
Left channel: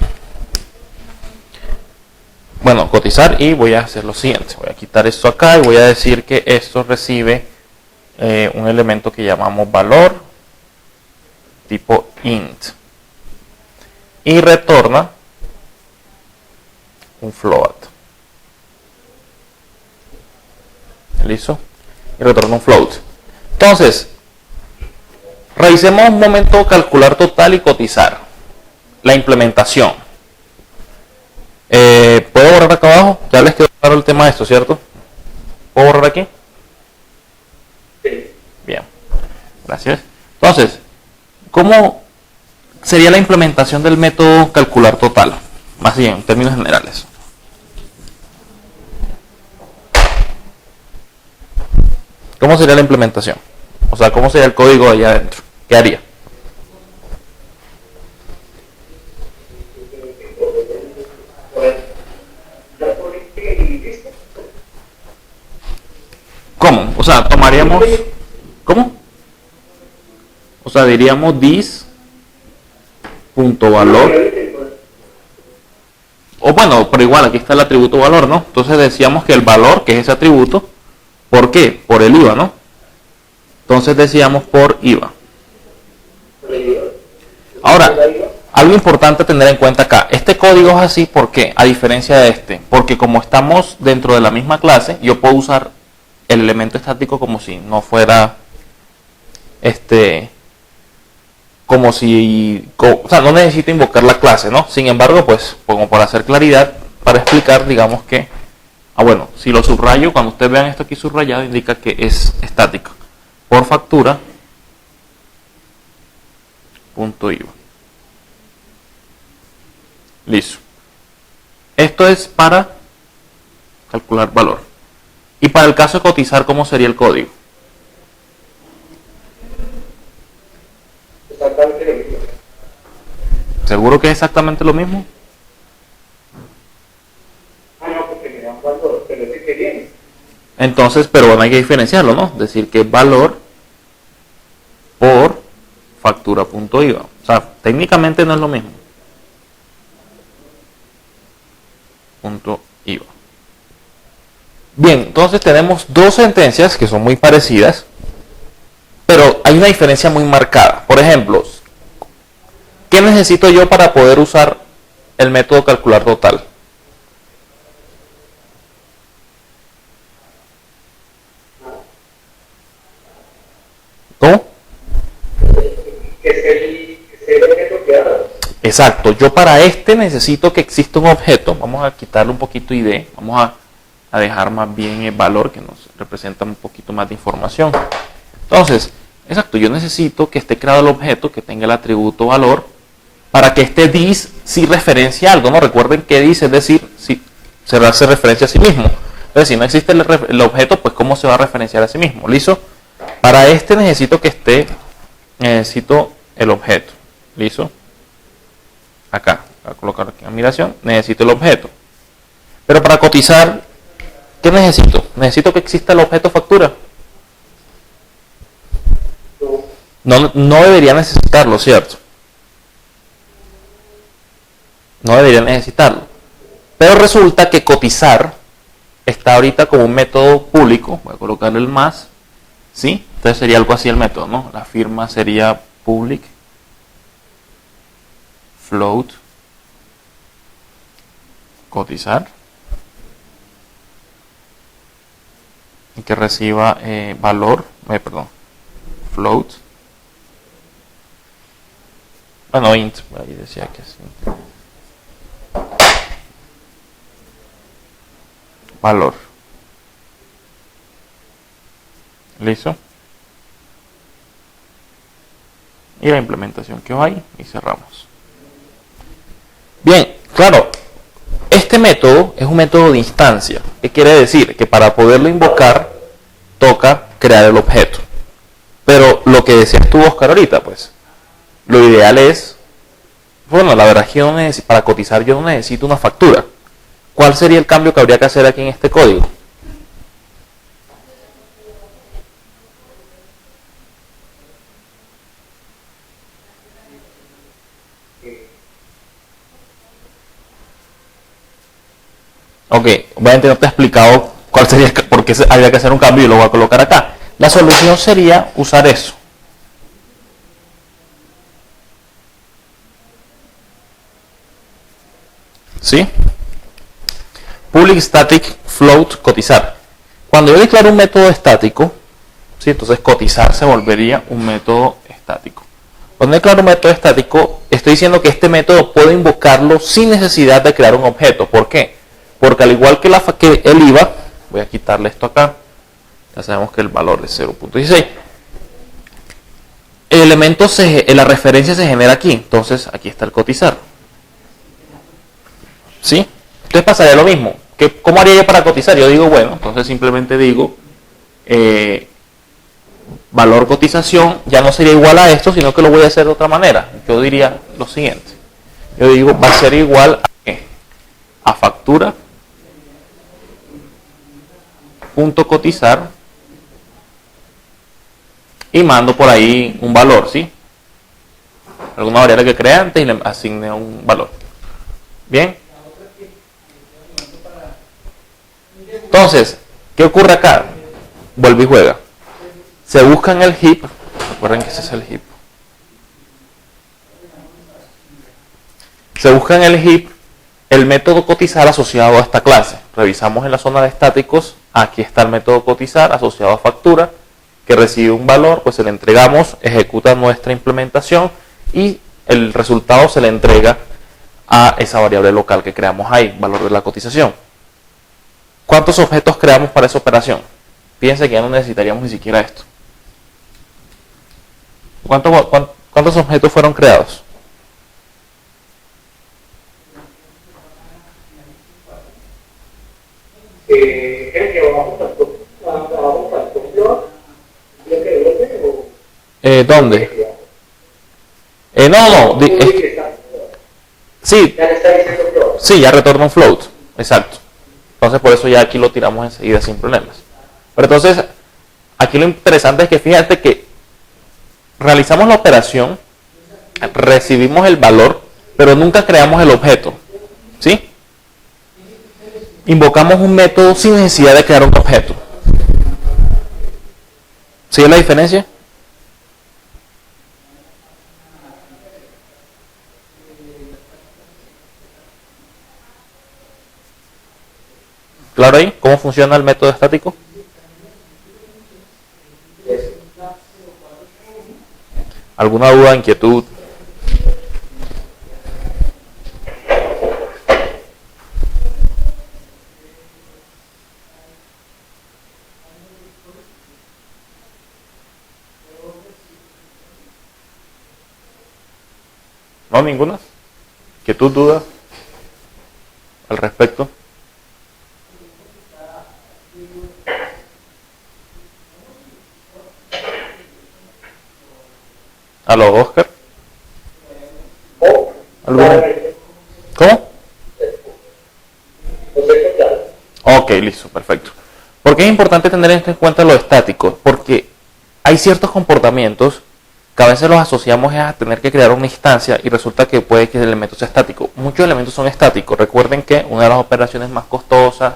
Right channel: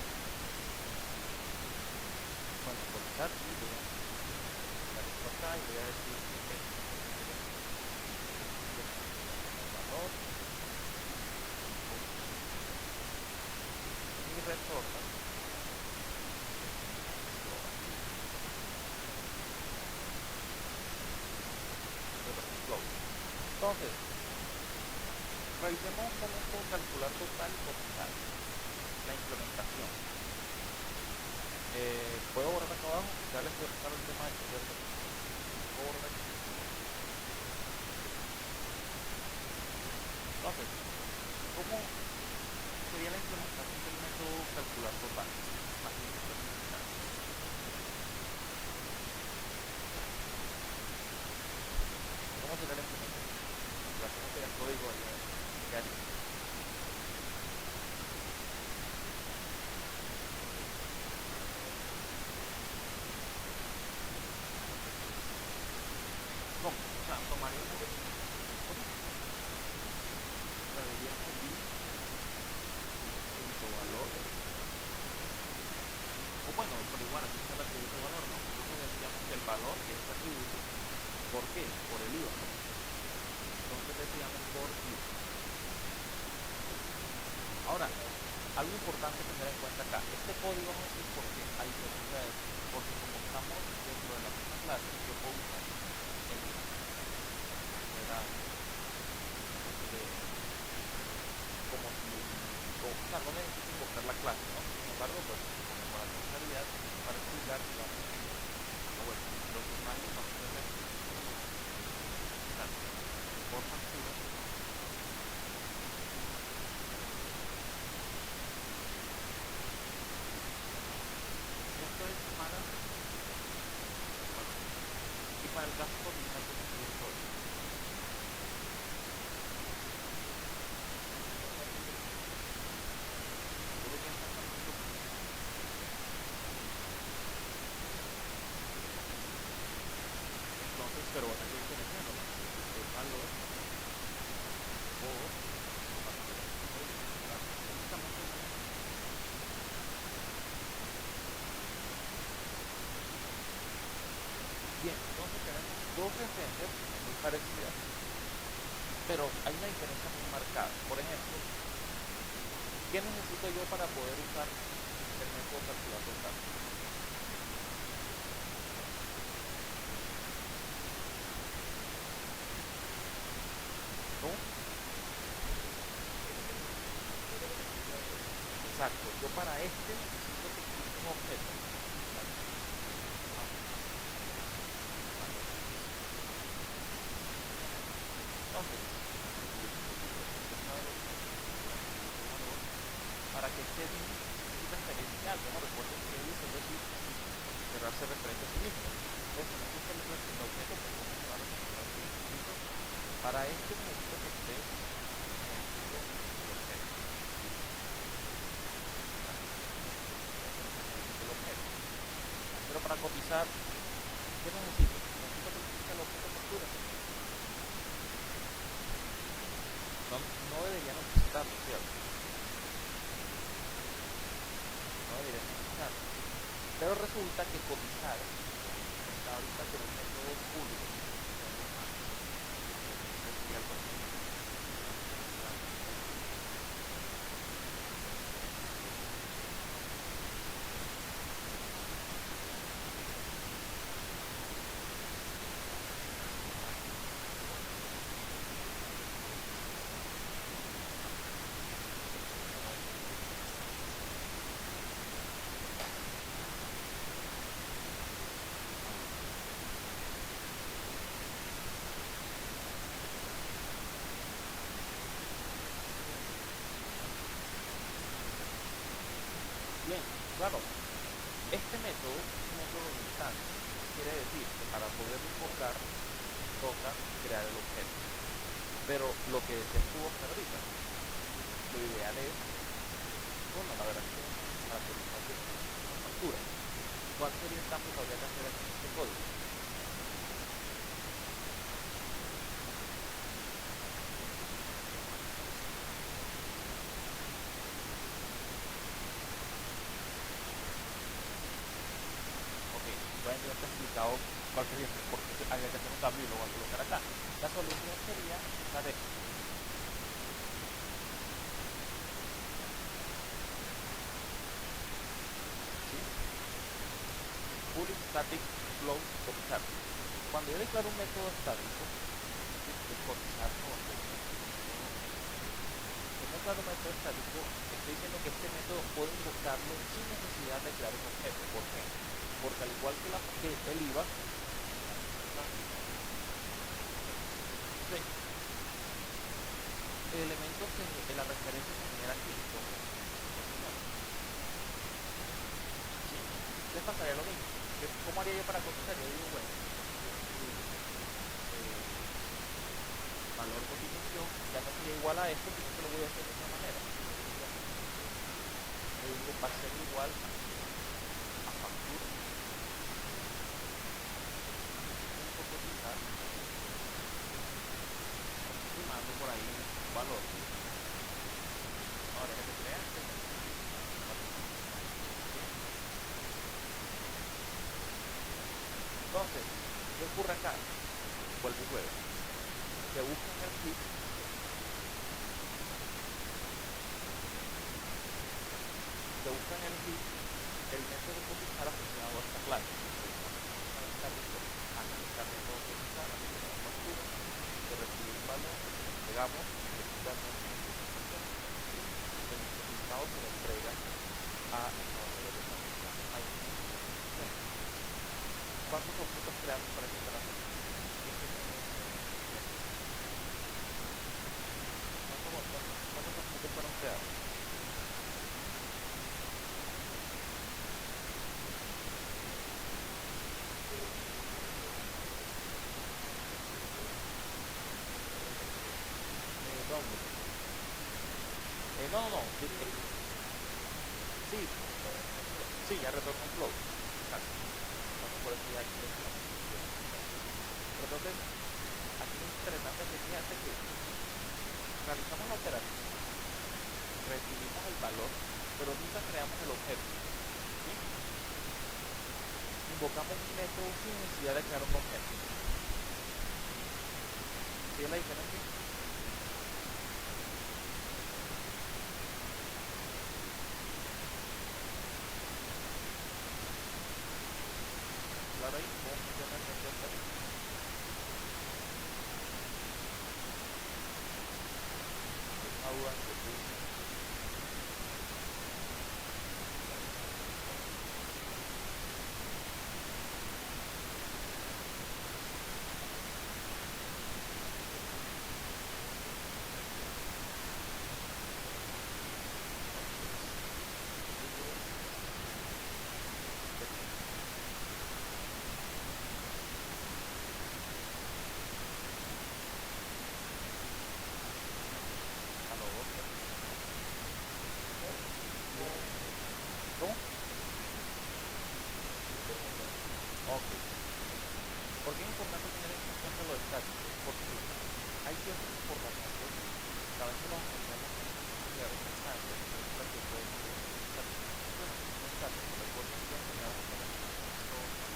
Bueno, cotizar, y voy a hacer lo siguiente. Voy a quitar esto acá y voy a decir que esto recibe un elemento que llamamos valor tipo int. Y retorna un float. ¿Listo? Y retorna un float. Entonces, revisemos un momento calcular total y cotizar. La implementación. ¿Puedo borrar acá abajo? Ya les quedó claro el tema de esto, ¿cierto? ¿Puedo borrar aquí? Bien. Gracias. Entonces, ¿cómo sería la implementación del método calcular total? Más bien, en términos generales. ¿Cómo sería la implementación? O sea, ¿cómo sería el código allá adentro? ¿Qué haría? ¿Cómo? O sea, tomaríamos... ¿Cómo? O sea, diríamos this.valor. O bueno, pero igual, aquí está el atributo valor, ¿no? Entonces decíamos que el valor, que es ese atributo, ¿por qué? Por el IVA, ¿no? Entonces decíamos por IVA. Ahora, algo importante a tener en cuenta acá. Este código es así, ¿por qué? A diferencia de este. Porque como estamos dentro de la misma clase, yo puedo usar el elemento estático como si no fuera... como si... o sea, no necesito invocar la clase, ¿no? Sin embargo, pues, como para hacer claridad, para explicar, digamos que... bueno, si lo subrayo, cuando ustedes vean esto aquí subrayado, indica que es estático. Por factura, punto IVA. Listo. Esto es para calcular valor. Y para el caso de cotizar, ¿cómo sería el código? Exactamente lo mismo. ¿Seguro que es exactamente lo mismo? Ah, no, porque me dan valor, pero es que bien. Entonces, pero bueno, hay que diferenciarlo, ¿no? Decir que es valor por factura.iva. O sea, técnicamente no es lo mismo. Punto IVA. Bien, entonces tenemos dos sentencias que son muy parecidas, pero hay una diferencia muy marcada. Por ejemplo, ¿qué necesito yo para poder usar el método calcular total? ¿Cómo? Que es el objeto creado. Exacto, yo para este necesito que exista un objeto. Vamos a quitarle un poquito ID, vamos a dejar más bien el valor que nos representa un poquito más de información. Entonces, exacto, yo necesito que esté creado el objeto, que tenga el atributo valor, para que este dis sí referencie algo, ¿no? Recuerden que dis, es decir, si se hace referencia a sí mismo. Entonces, si no existe el objeto, pues ¿cómo se va a referenciar a sí mismo? ¿Listo? Para este necesito que esté, necesito el objeto. ¿Listo? Acá, voy a colocar aquí la migración, necesito el objeto. Pero para cotizar, ¿qué necesito? Necesito que exista el objeto factura. No debería necesitarlo, ¿cierto? No debería necesitarlo. Pero resulta que cotizar está ahorita como un método público. Voy a colocarle el más. ¿Sí? Entonces sería algo así el método, ¿no? La firma sería public float cotizar. Y que reciba valor, perdón, float. Bueno, int, ahí decía que sí. Valor. ¿Listo? Y la implementación que va ahí y cerramos. Bien, claro, este método es un método de instancia. ¿Qué quiere decir? Que para poderlo invocar toca crear el objeto. Pero lo que decías tú, Oscar, ahorita, pues, lo ideal es, bueno, la verdad es que yo no necesito, para cotizar yo no necesito una factura. ¿Cuál sería el cambio que habría que hacer aquí en este código? Ok, obviamente no te he explicado cuál sería, por qué habría que hacer un cambio y lo voy a colocar acá. La solución sería usar eso. ¿Sí? Public static float cotizar. Cuando yo declaro un método estático, ¿sí? Entonces cotizar se volvería un método estático. Cuando declaro un método estático, estoy diciendo que este método puedo invocarlo sin necesidad de crear un objeto. ¿Por qué? Porque al igual que el IVA, voy a quitarle esto acá, ya sabemos que el valor es 0.16. El elemento, la referencia se genera aquí, entonces aquí está el cotizar. ¿Sí? Entonces pasaría lo mismo. ¿Cómo haría yo para cotizar? Yo digo, bueno, entonces simplemente digo valor cotización, ya no sería igual a esto, sino que lo voy a hacer de otra manera. Yo diría lo siguiente. Yo digo, va a ser igual a ¿qué? A factura punto cotizar y mando por ahí un valor, ¿sí? Alguna variable que crea antes y le asigne un valor. Bien. Entonces, ¿qué ocurre acá? Vuelve y juega. Se busca en el heap, recuerden que ese es el heap. Se busca en el heap el método cotizar asociado a esta clase. Revisamos en la zona de estáticos, aquí está el método cotizar asociado a factura, que recibe un valor, pues se le entregamos, ejecuta nuestra implementación y el resultado se le entrega a esa variable local que creamos ahí, valor de la cotización. ¿Cuántos objetos creamos para esa operación? Fíjense que ya no necesitaríamos ni siquiera esto. ¿Cuántos objetos fueron creados? Creo que vamos a ¿Dónde? Sí, Ya le está diciendo todo. sí, ya retorna un float, exacto. Entonces por eso ya aquí lo tiramos enseguida sin problemas. Pero entonces, aquí lo interesante es que fíjate que realizamos la operación, recibimos el valor, pero nunca creamos el objeto, ¿sí? Invocamos un método sin necesidad de crear un objeto. ¿Sí es la diferencia? ¿Claro ahí? ¿Cómo funciona el método estático? ¿Alguna duda, inquietud? ¿No? ¿Ninguna? ¿Inquietud, duda al respecto? ¿Aló, Oscar? ¿Alguna? ¿Cómo? Ok, listo, perfecto. ¿Por qué es importante tener en cuenta lo estático? Porque hay ciertos comportamientos que a veces los asociamos a tener que crear una instancia y resulta que puede que el elemento sea estático. Muchos elementos son estáticos. Recuerden que una de las operaciones más costosas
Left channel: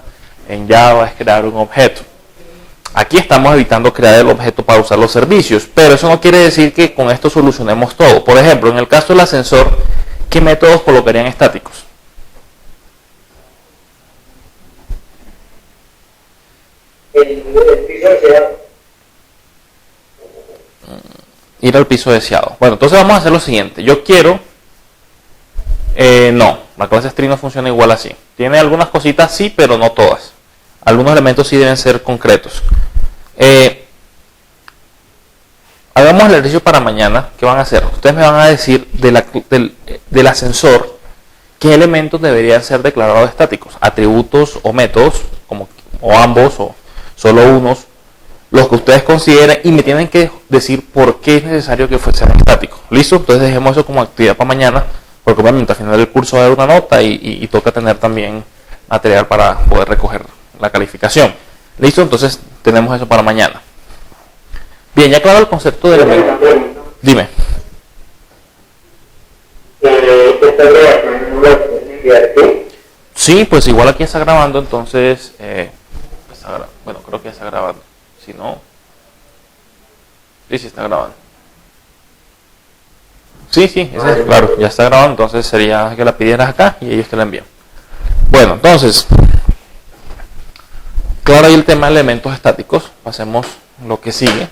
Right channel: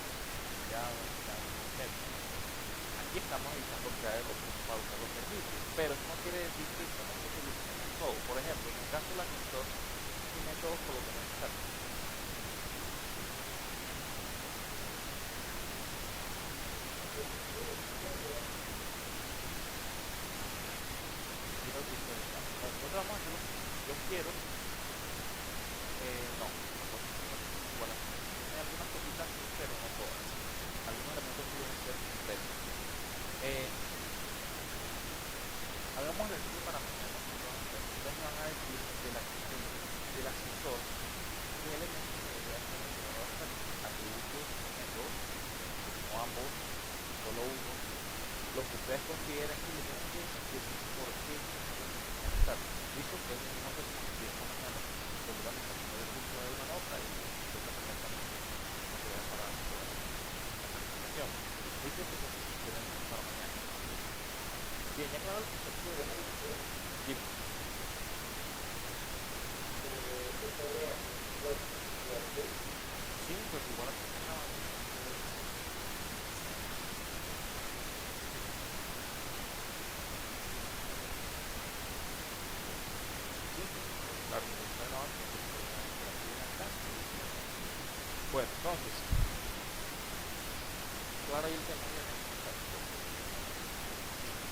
en Java es crear un objeto. Aquí estamos evitando crear el objeto para usar los servicios, pero eso no quiere decir que con esto solucionemos todo. Por ejemplo, en el caso del ascensor, ¿qué métodos colocarían estáticos? El piso deseado. Ir al piso deseado. Bueno, entonces vamos a hacer lo siguiente. Yo quiero... no, la clase string no funciona igual así. Tiene algunas cositas sí, pero no todas. Algunos elementos sí deben ser concretos. Hagamos el ejercicio para mañana. ¿Qué van a hacer? Ustedes me van a decir del ascensor qué elementos deberían ser declarados estáticos. Atributos o métodos, o ambos, o solo unos, los que ustedes consideren, y me tienen que decir por qué es necesario que sean estáticos. ¿Listo? Entonces dejemos eso como actividad para mañana, porque obviamente al final del curso va a haber una nota y toca tener también material para poder recoger la calificación. ¿Listo? Entonces tenemos eso para mañana. Bien, ya claro el concepto de elemento. Dime. Sí, pues igual aquí está grabando, entonces... bueno, creo que ya está grabando. Si no... Sí, está grabando. Sí, claro, ya está grabando, entonces sería que la pidieras acá y ellos te la envían. Bueno, entonces... Claro, ahí el tema de elementos estáticos. Pasemos lo que sigue.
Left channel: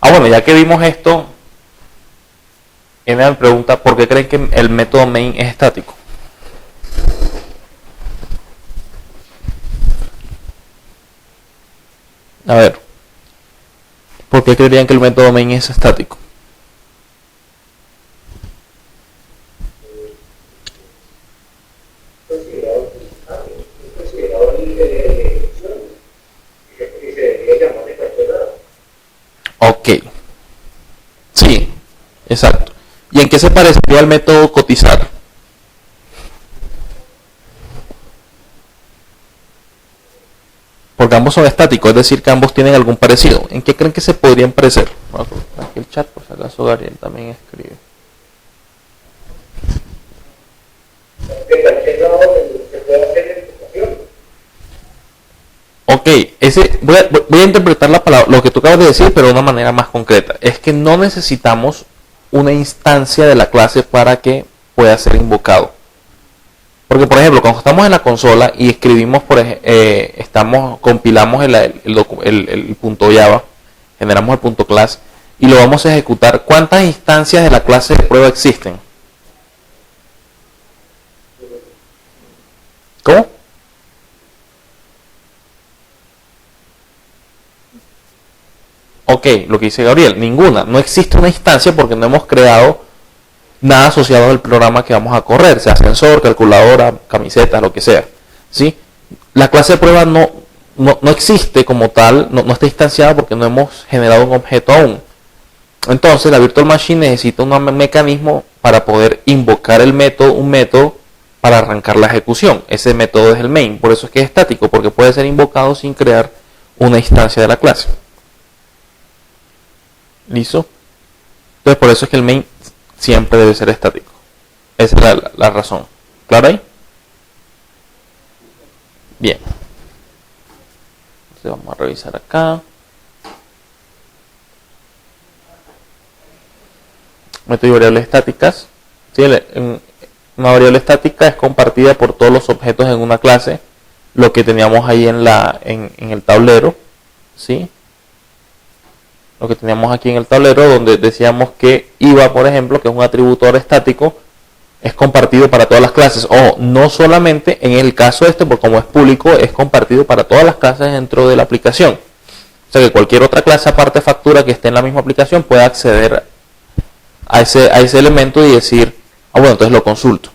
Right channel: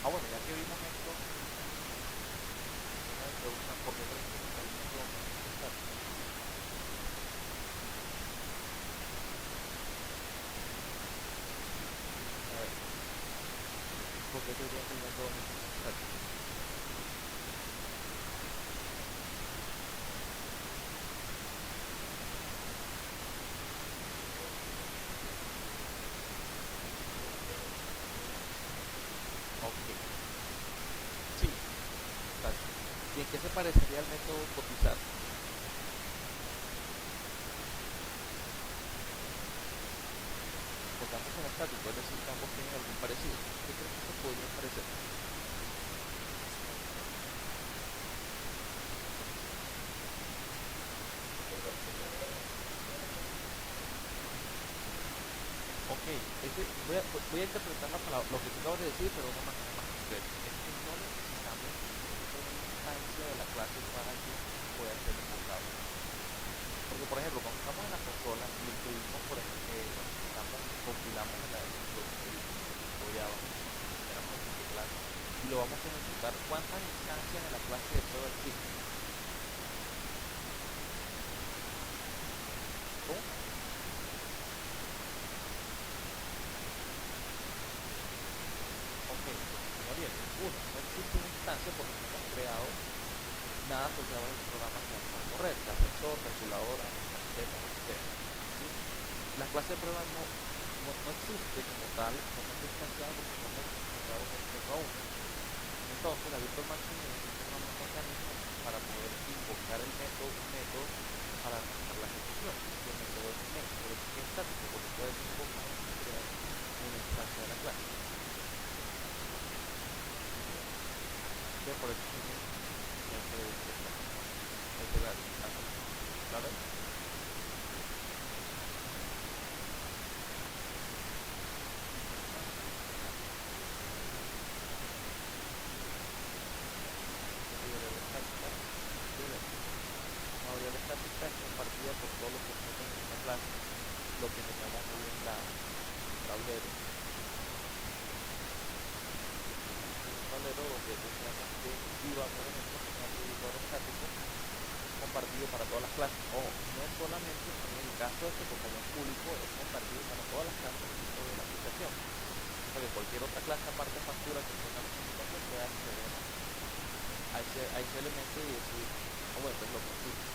Bueno, ya que vimos esto, me pregunta por qué creen que el método main es estático. A ver, ¿por qué creerían que el método main es estático? Ok, sí, exacto. ¿Y en qué se parecería al método cotizar? Porque ambos son estáticos, es decir, que ambos tienen algún parecido. ¿En qué creen que se podrían parecer? Vamos a colocar aquí el chat, por si acaso Gabriel también escribe. Ok, voy a interpretar la palabra, lo que tú acabas de decir, pero de una manera más concreta. Es que no necesitamos una instancia de la clase para que pueda ser invocado. Porque, por ejemplo, cuando estamos en la consola y escribimos, compilamos el punto Java, generamos el punto class y lo vamos a ejecutar. ¿Cuántas instancias de la clase de prueba existen? ¿Cómo? Ok, lo que dice Gabriel, ninguna. No existe una instancia porque no hemos creado nada asociado al programa que vamos a correr, sea ascensor, calculadora, camiseta, lo que sea. ¿Sí? La clase de prueba no no existe como tal, no está instanciada porque no hemos generado un objeto aún. Entonces la Virtual Machine necesita un mecanismo para poder invocar un método para arrancar la ejecución. Ese método es el main, por eso es que es estático, porque puede ser invocado sin crear una instancia de la clase. ¿Listo? Entonces por eso es que el main siempre debe ser estático. Esa es la razón. ¿Claro ahí? Bien. Entonces vamos a revisar acá. Método y variables estáticas. ¿Sí? Una variable estática es compartida por todos los objetos en una clase, lo que teníamos ahí en el tablero, ¿sí? Lo que teníamos aquí en el tablero, donde decíamos que IVA, por ejemplo, que es un atributo estático, es compartido para todas las clases, o no solamente en el caso porque como es público, es compartido para todas las clases dentro de la aplicación. O sea que cualquier otra clase aparte de factura que esté en la misma aplicación puede acceder a ese elemento y decir, bueno, entonces lo consulto.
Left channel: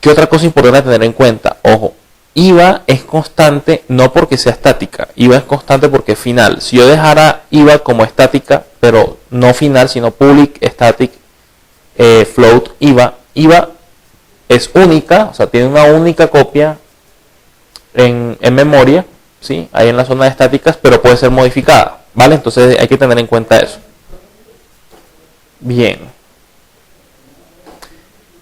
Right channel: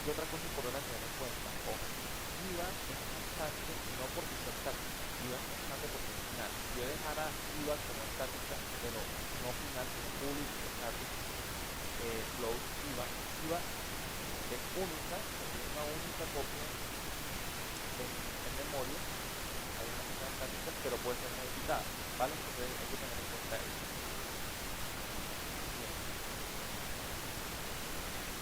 ¿Qué otra cosa importante a tener en cuenta? Ojo, IVA es constante no porque sea estática, IVA es constante porque es final. Si yo dejara IVA como estática, pero no final, sino public, static, float, IVA es única, o sea, tiene una única copia en memoria, ¿sí? Ahí en la zona de estáticas, pero puede ser modificada, ¿vale? Entonces hay que tener en cuenta eso. Bien.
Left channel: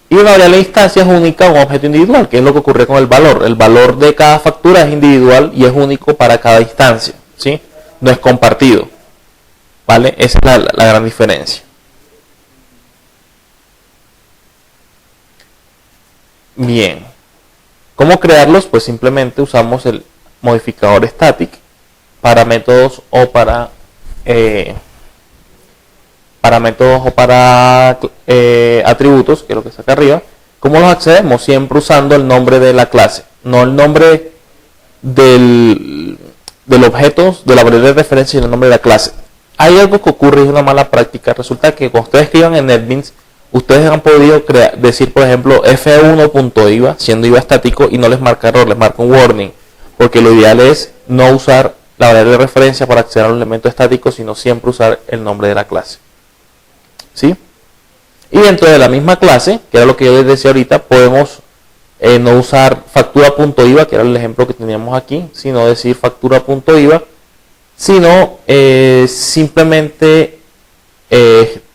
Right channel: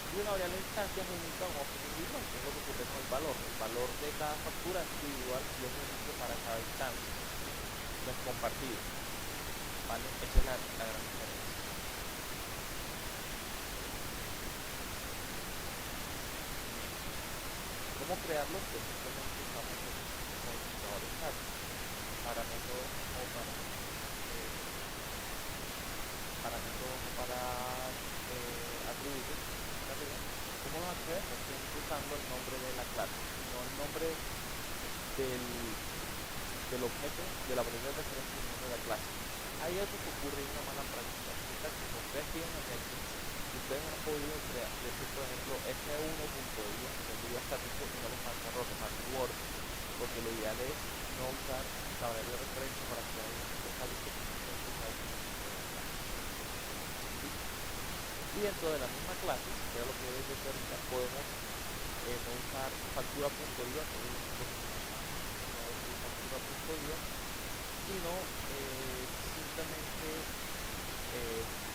Y una variable de instancia es única o un objeto individual, que es lo que ocurre con el valor. El valor de cada factura es individual y es único para cada instancia, ¿sí? No es compartido, ¿vale? Esa es la gran diferencia. Bien. ¿Cómo crearlos? Pues simplemente usamos el modificador static para métodos o para atributos, que es lo que está acá arriba. ¿Cómo los accedemos? Siempre usando el nombre de la clase, no el nombre del objeto, de la variable de referencia, sino el nombre de la clase. Hay algo que ocurre y es una mala práctica. Resulta que cuando ustedes escriban en NetBeans, ustedes han podido decir, por ejemplo, f1.iva, siendo IVA estático, y no les marca error, les marca un warning, porque lo ideal es no usar la variable de referencia para acceder a un elemento estático, sino siempre usar el nombre de la clase. ¿Sí? Y dentro de la misma clase, que era lo que yo les decía ahorita, podemos no usar factura.iva, que era el ejemplo que teníamos aquí, sino decir factura.iva, sino simplemente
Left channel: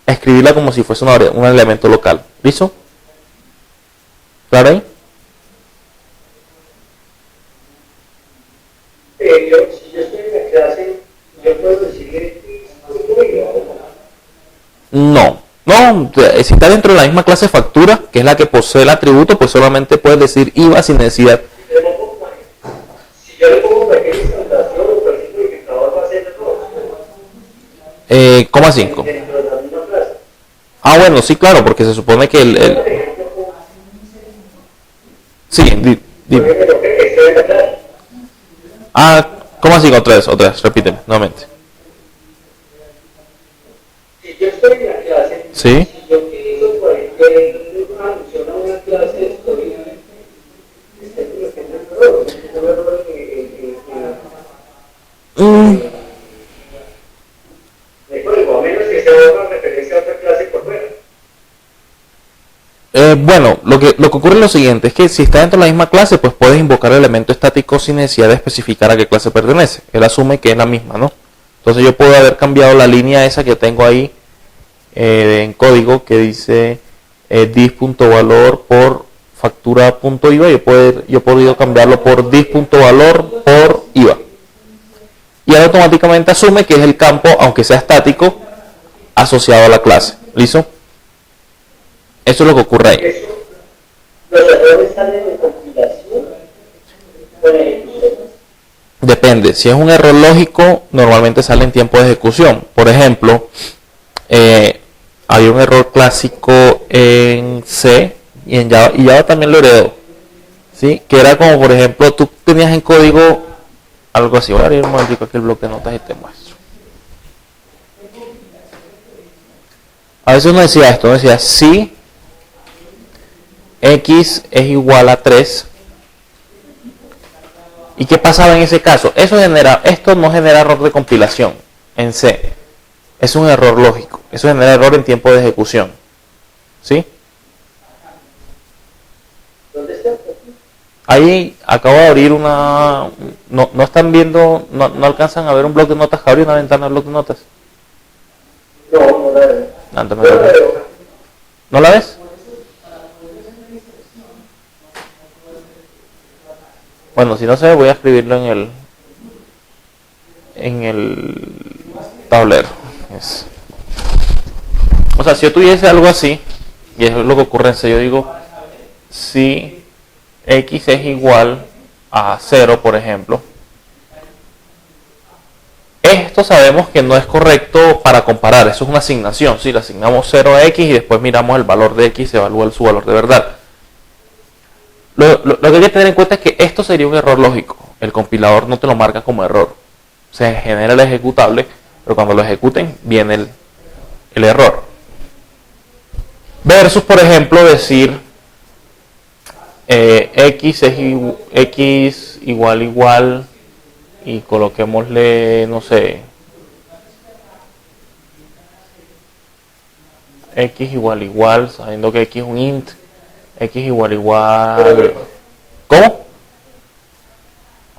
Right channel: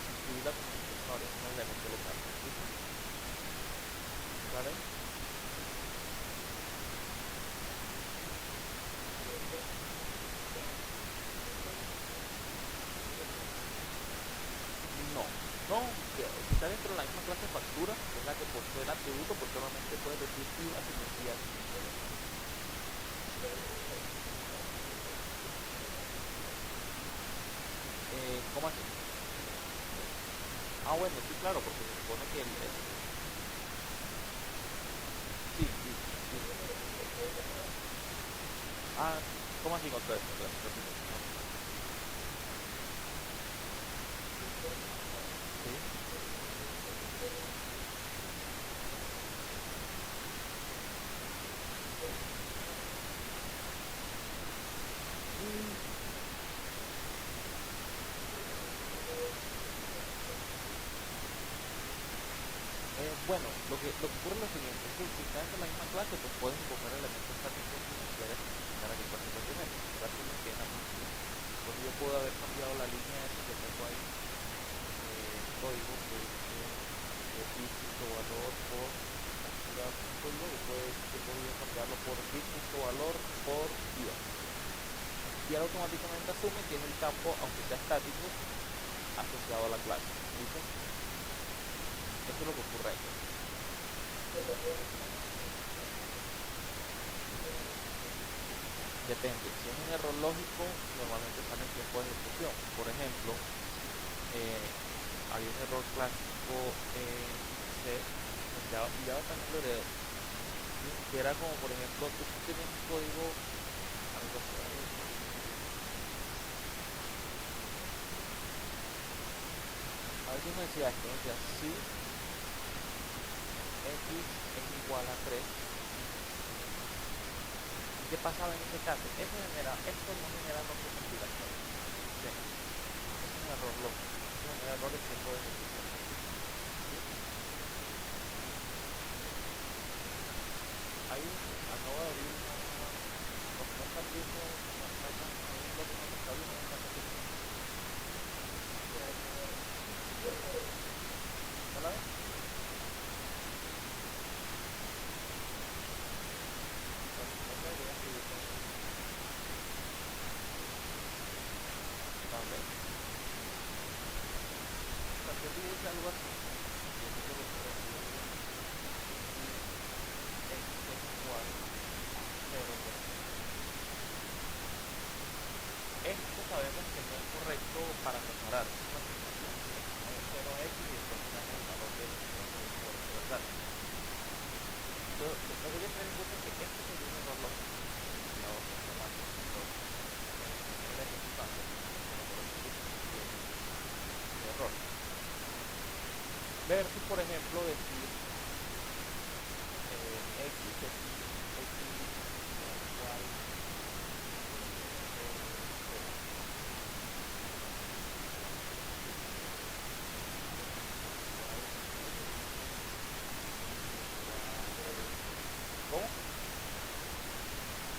escribirla como si fuese un elemento local. ¿Listo? ¿Claro ahí? Si yo estoy en la clase, yo puedo decirle no, si está dentro de la misma clase factura, que es la que posee el atributo, pues solamente puedes decir IVA sin necesidad. Si yo le pongo cualquier instalación o cualquier modificador, va a ser todo. ¿Cómo así? Dentro de la misma clase. Bueno, sí, claro, porque se supone que sí, ¿cómo así? Otra vez, repíteme, nuevamente. Si yo estoy en la clase, sí. Si yo utilizo cualquier función a una clase, estoy de código, a menos que sea una referencia a otra clase por fuera. Bueno, lo que ocurre es lo siguiente, es que si está dentro de la misma clase, pues puedes invocar el elemento estático sin necesidad de especificar a qué clase pertenece. Él asume que es la misma, ¿no? Entonces yo puedo haber cambiado la línea esa que tengo ahí en código que dice dis.valor por factura.iva. Yo he podido cambiarlo por dis.valor por IVA. Y él automáticamente asume que es el campo, aunque sea estático, asociado a la clase. ¿Listo? Eso es lo que ocurre ahí. ¿Los errores salen en compilación? Depende. Si es un error lógico, normalmente sale en tiempo de ejecución. Por ejemplo, hay un error clásico en C y en Java, y Java también lo heredó, ¿sí? Que era como, por ejemplo, tú tenías en código algo así. Voy a abrir un momentico aquí el bloque de notas y te muestro. A veces uno decía esto, decía si x es igual a 3, ¿Y qué pasaba en ese caso? Esto no genera error de compilación en C. Es un error lógico. Eso genera error en tiempo de ejecución. ¿Sí? Ahí acabo de abrir una... No están viendo, no alcanzan a ver un bloc de notas. Abrí una ventana de bloc de notas. No, no la veo. ¿No la ves? Bueno, si no se ve, voy a escribirlo en el tablero. O sea, si yo tuviese algo así, y eso es lo que ocurre en C, yo digo, si X es igual a 0, por ejemplo, esto sabemos que no es correcto para comparar, eso es una asignación, si le asignamos 0 a X y después miramos el valor de X, se evalúa su valor de verdad. Lo que hay que tener en cuenta es que esto sería un error lógico, el compilador no te lo marca como error, se genera el ejecutable, pero cuando lo ejecuten viene el error. Versus, por ejemplo, decir X igual y coloquémosle, no sé, X igual, sabiendo que X es un int, X igual. ¿Cómo?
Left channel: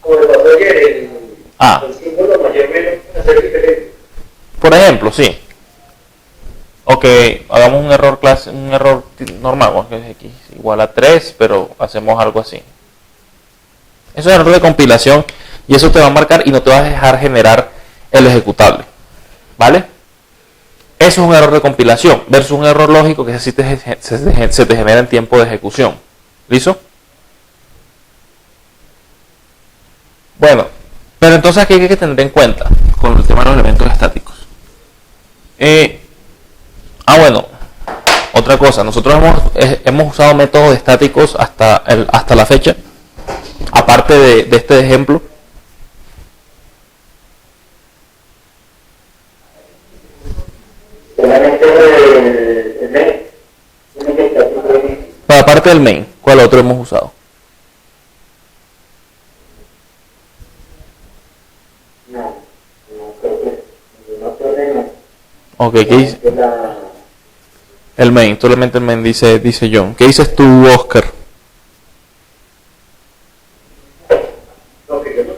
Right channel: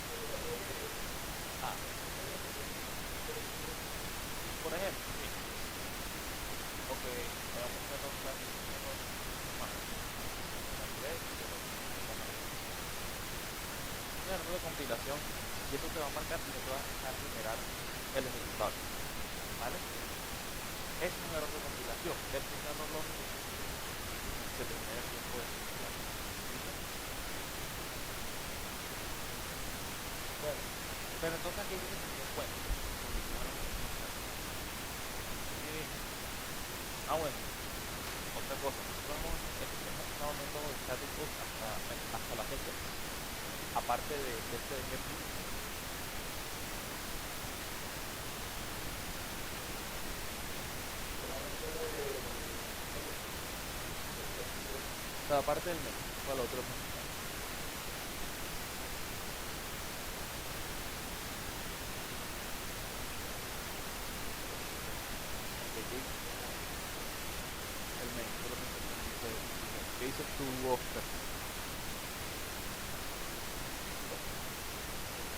Como le pasó ayer, el símbolo mayor menos hacer diferente. Por ejemplo, sí. Ok, hagamos un error normal, que es X igual a 3, pero hacemos algo así. Eso es error de compilación y eso te va a marcar y no te va a dejar generar el ejecutable. ¿Vale? Eso es un error de compilación versus un error lógico que se te genera en tiempo de ejecución. ¿Listo? Bueno, pero entonces aquí hay que tener en cuenta con el tema de los elementos estáticos. Bueno, otra cosa, nosotros hemos usado métodos estáticos hasta la fecha, aparte de este ejemplo. El main. Pero aparte del main, ¿cuál otro hemos usado? Ok, ¿qué dice? El main, solamente el main dice John. ¿Qué dices tú, Oscar? No, que yo no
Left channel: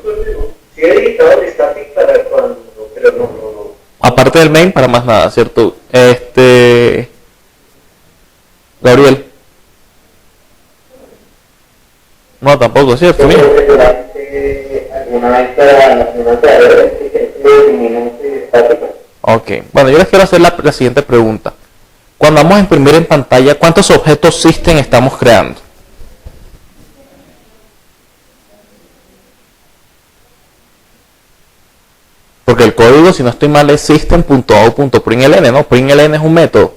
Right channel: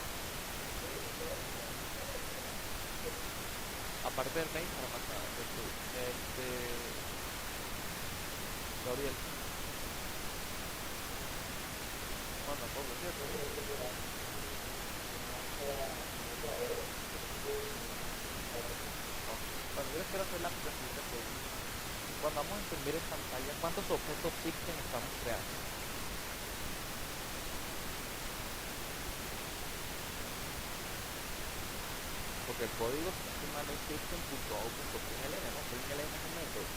he editado el static para cuando, pero no. Aparte del main, para más nada, ¿cierto? Gabriel. No, tampoco, ¿cierto? Mira. Ok, bueno, yo les quiero hacer la siguiente pregunta. Cuando vamos a imprimir en pantalla, ¿cuántos objetos system estamos creando? Porque el código, si no estoy mal, es system.out.println, ¿no? Println es un método.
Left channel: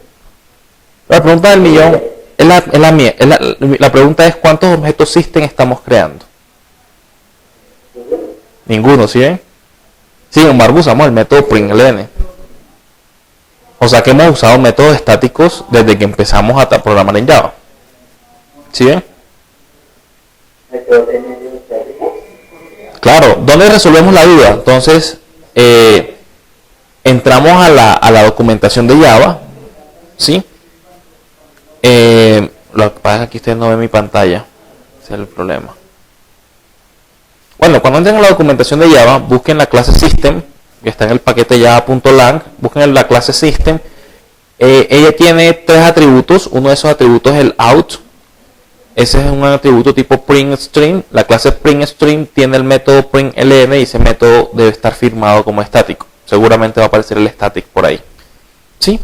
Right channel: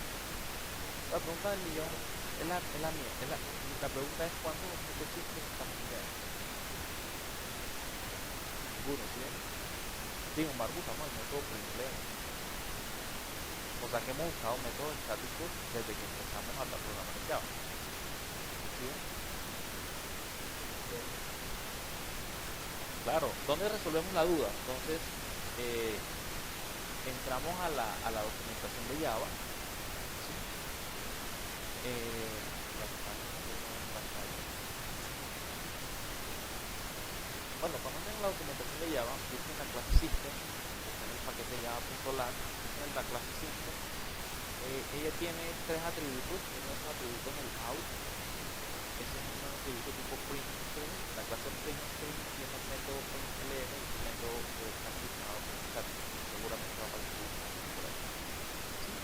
La pregunta del millón es la mía. La pregunta es ¿cuántos objetos system estamos creando? Ninguno, ¿sí ven? Sin embargo, usamos el método println. O sea que hemos usado métodos estáticos desde que empezamos a programar en Java. ¿Sí ven? Claro, ¿dónde resolvemos la duda? Entonces, entramos a la documentación de Java, ¿sí? Lo que pasa es que aquí ustedes no ven mi pantalla, ese es el problema. Bueno, cuando entren a la documentación de Java, busquen la clase system, que está en el paquete java.lang, busquen la clase system. Ella tiene 3 atributos, uno de esos atributos es el out. Ese es un atributo tipo printString. La clase printString tiene el método println y ese método debe estar firmado como estático. Seguramente va a aparecer el static por ahí. ¿Sí?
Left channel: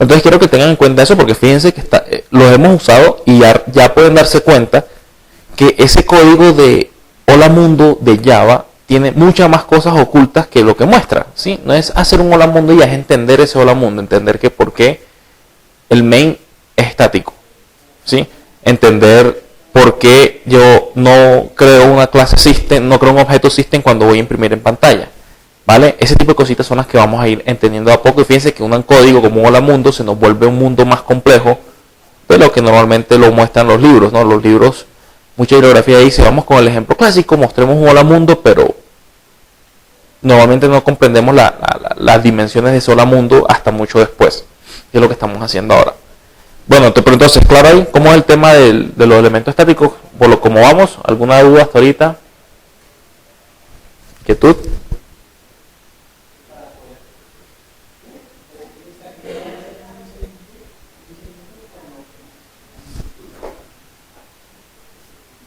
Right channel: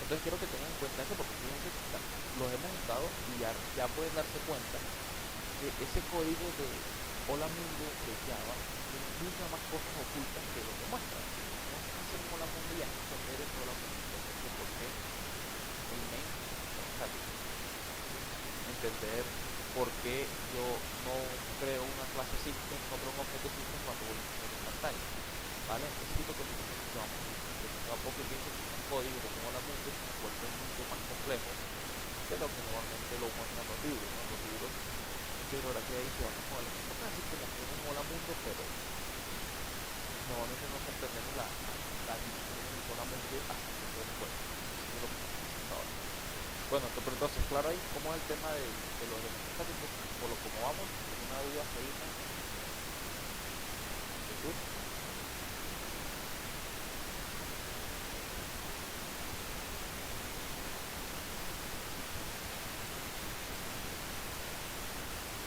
Entonces quiero que tengan en cuenta eso porque fíjense que los hemos usado y ya pueden darse cuenta que ese código de Hola Mundo de Java tiene muchas más cosas ocultas que lo que muestra. ¿Sí? No es hacer un Hola Mundo y ya es entender ese Hola Mundo, entender que por qué el main es estático. ¿Sí? Entender por qué yo no creo una clase system, no creo un objeto system cuando voy a imprimir en pantalla. ¿Vale? Ese tipo de cositas son las que vamos a ir entendiendo a poco. Y fíjense que un código como Hola Mundo se nos vuelve un mundo más complejo de lo que normalmente lo muestran los libros, ¿no? Los libros mucha bibliografía ahí. Si vamos con el ejemplo clásico, mostremos un hola mundo, pero normalmente no comprendemos las dimensiones de ese hola mundo hasta mucho después, que es lo que estamos haciendo ahora. Bueno, pero entonces, claro ahí, ¿cómo es el tema de los elementos estáticos? Por lo como vamos, ¿alguna duda hasta ahorita? ¿Inquietud?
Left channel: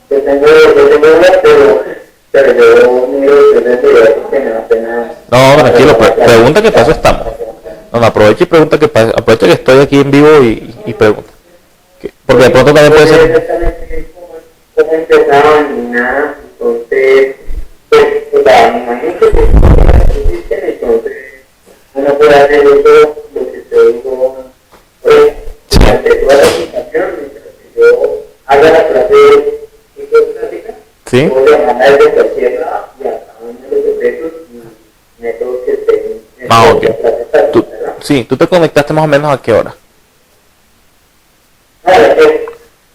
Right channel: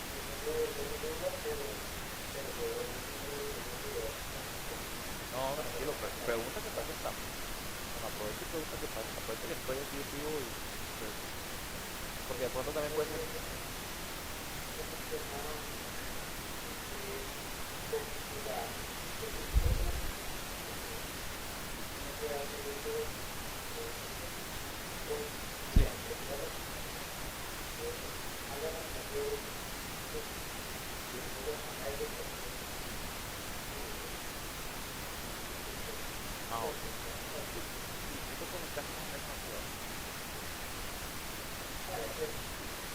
Yo tengo una, pero yo miro que me da pena. No, tranquilo, pregunta que paso estamos. No, aprovecha y pregunta que paso. Aprovecha que estoy aquí en vivo y pregunta. Porque de pronto también puede ser... Exactamente cómo empezaban ni nada, entonces, pues, o sea, me imagino que existen, entonces, uno puede hacer eso, lo que te digo, pues, durante toda la aplicación, mientras que yo haga la clase de psicostática, ¿Sí? puedo llamarla desde cualquier lado, y a cada uno de los objetos y métodos que estén en la clase estática, ¿verdad? Sí, tú te conectaste más o menos a qué hora.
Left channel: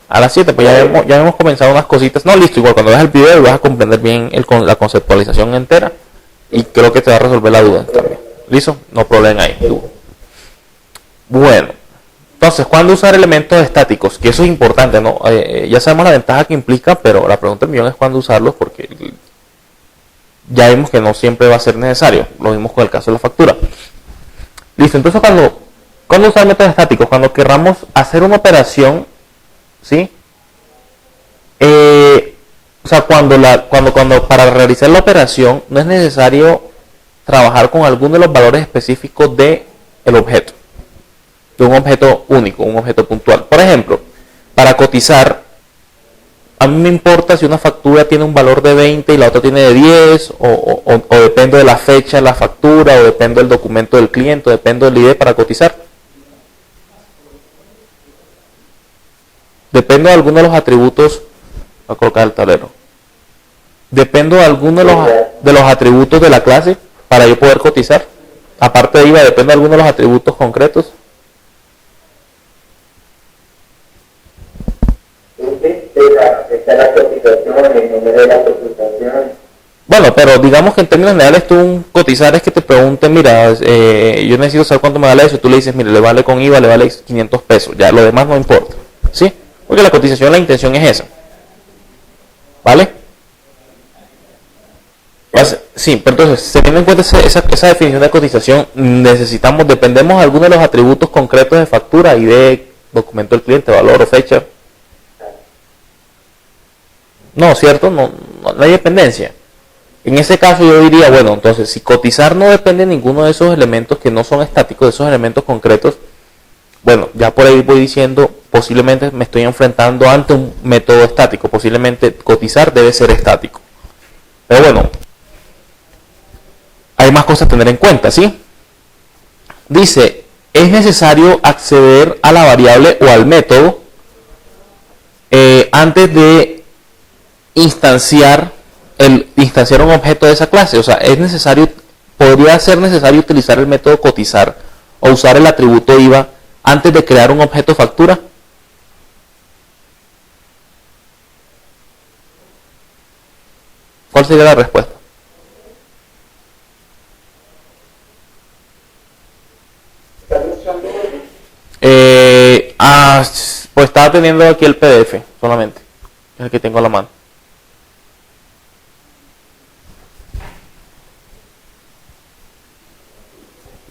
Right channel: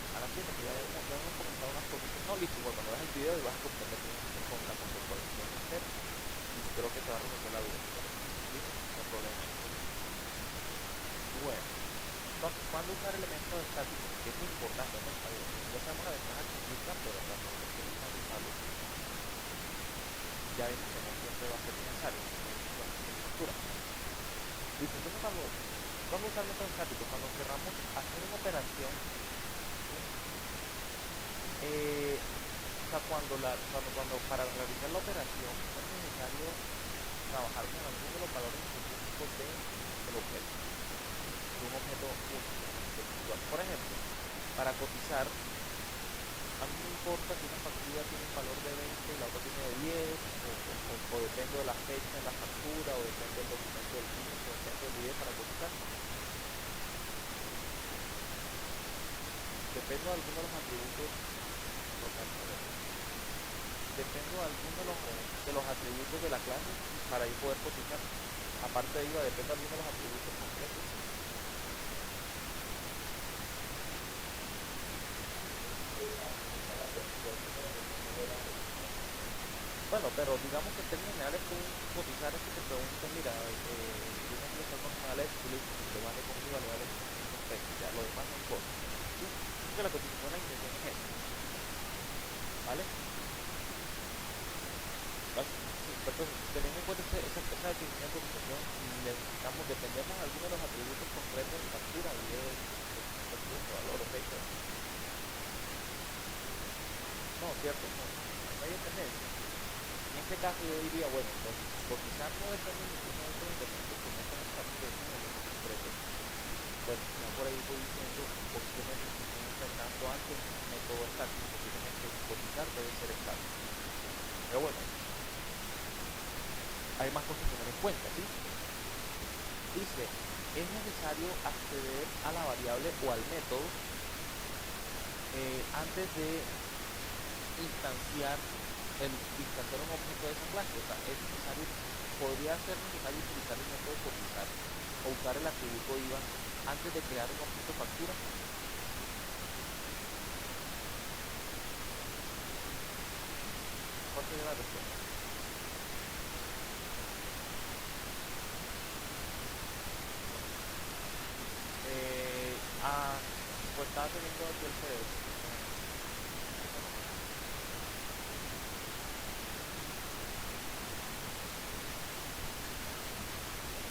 A las 7, pues ya hemos comenzado unas cositas. No, listo, igual cuando veas el video vas a comprender bien la conceptualización entera y creo que te va a resolver la duda también. ¿Listo? No problema ahí. Bueno, entonces, ¿cuándo usar elementos estáticos? Que eso es importante, ¿no? Ya sabemos la ventaja que implica, pero la pregunta del millón es cuándo usarlos, porque ya vimos que no siempre va a ser necesario. Lo mismo con el caso de la factura. Listo, entonces ¿cuándo usar métodos estáticos? Cuando querramos hacer una operación, ¿sí? O sea, cuando para realizar la operación no es necesario trabajar con alguno de los valores específicos del objeto, de un objeto único, un objeto puntual. Por ejemplo, para cotizar, a mí me importa si una factura tiene un valor de 20 y la otra tiene de 10, o depende de la fecha de la factura, o depende del documento del cliente, o depende del ID para cotizar. Depende de alguno de los atributos, voy a colocar el tablero. Depende de alguno de los atributos de la clase para yo poder cotizar. Aparte de IVA, depende de alguno de los atributos concretos. Bueno, pero digamos que en términos generales tú cotizar es que te pregunten, mira, yo necesito saber cuánto me vale eso, y tú le dices, mire, le vale con IVA, le vale 500 pesos, ya lo demás no importa, ¿sí? Porque la cotización, la intención es esa, ¿vale? Sí, pero entonces, teniendo en cuenta esa definición de cotización, dependemos de algunos de los atributos concretos de factura, ID, documento del cliente, valor o fecha. No, ¿cierto? No hay dependencia. En ese caso yo diría, bueno, entonces si cotizar no depende de ninguno de esos elementos que no son estáticos, de esos elementos concretos, bueno, ya por ahí voy diciendo, posiblemente me estoy enfrentando ante un método estático, posiblemente cotizar debe ser estático. Pero bueno, hay más cosas a tener en cuenta, ¿sí? Dice, es necesario acceder a la variable o al método antes de instanciar un objeto de esa clase. O sea, podría ser necesario utilizar el método cotizar o usar el atributo IVA antes de crear un objeto factura. ¿Cuál sería la respuesta? Pues estaba teniendo aquí el PDF solamente, el que tengo a la mano.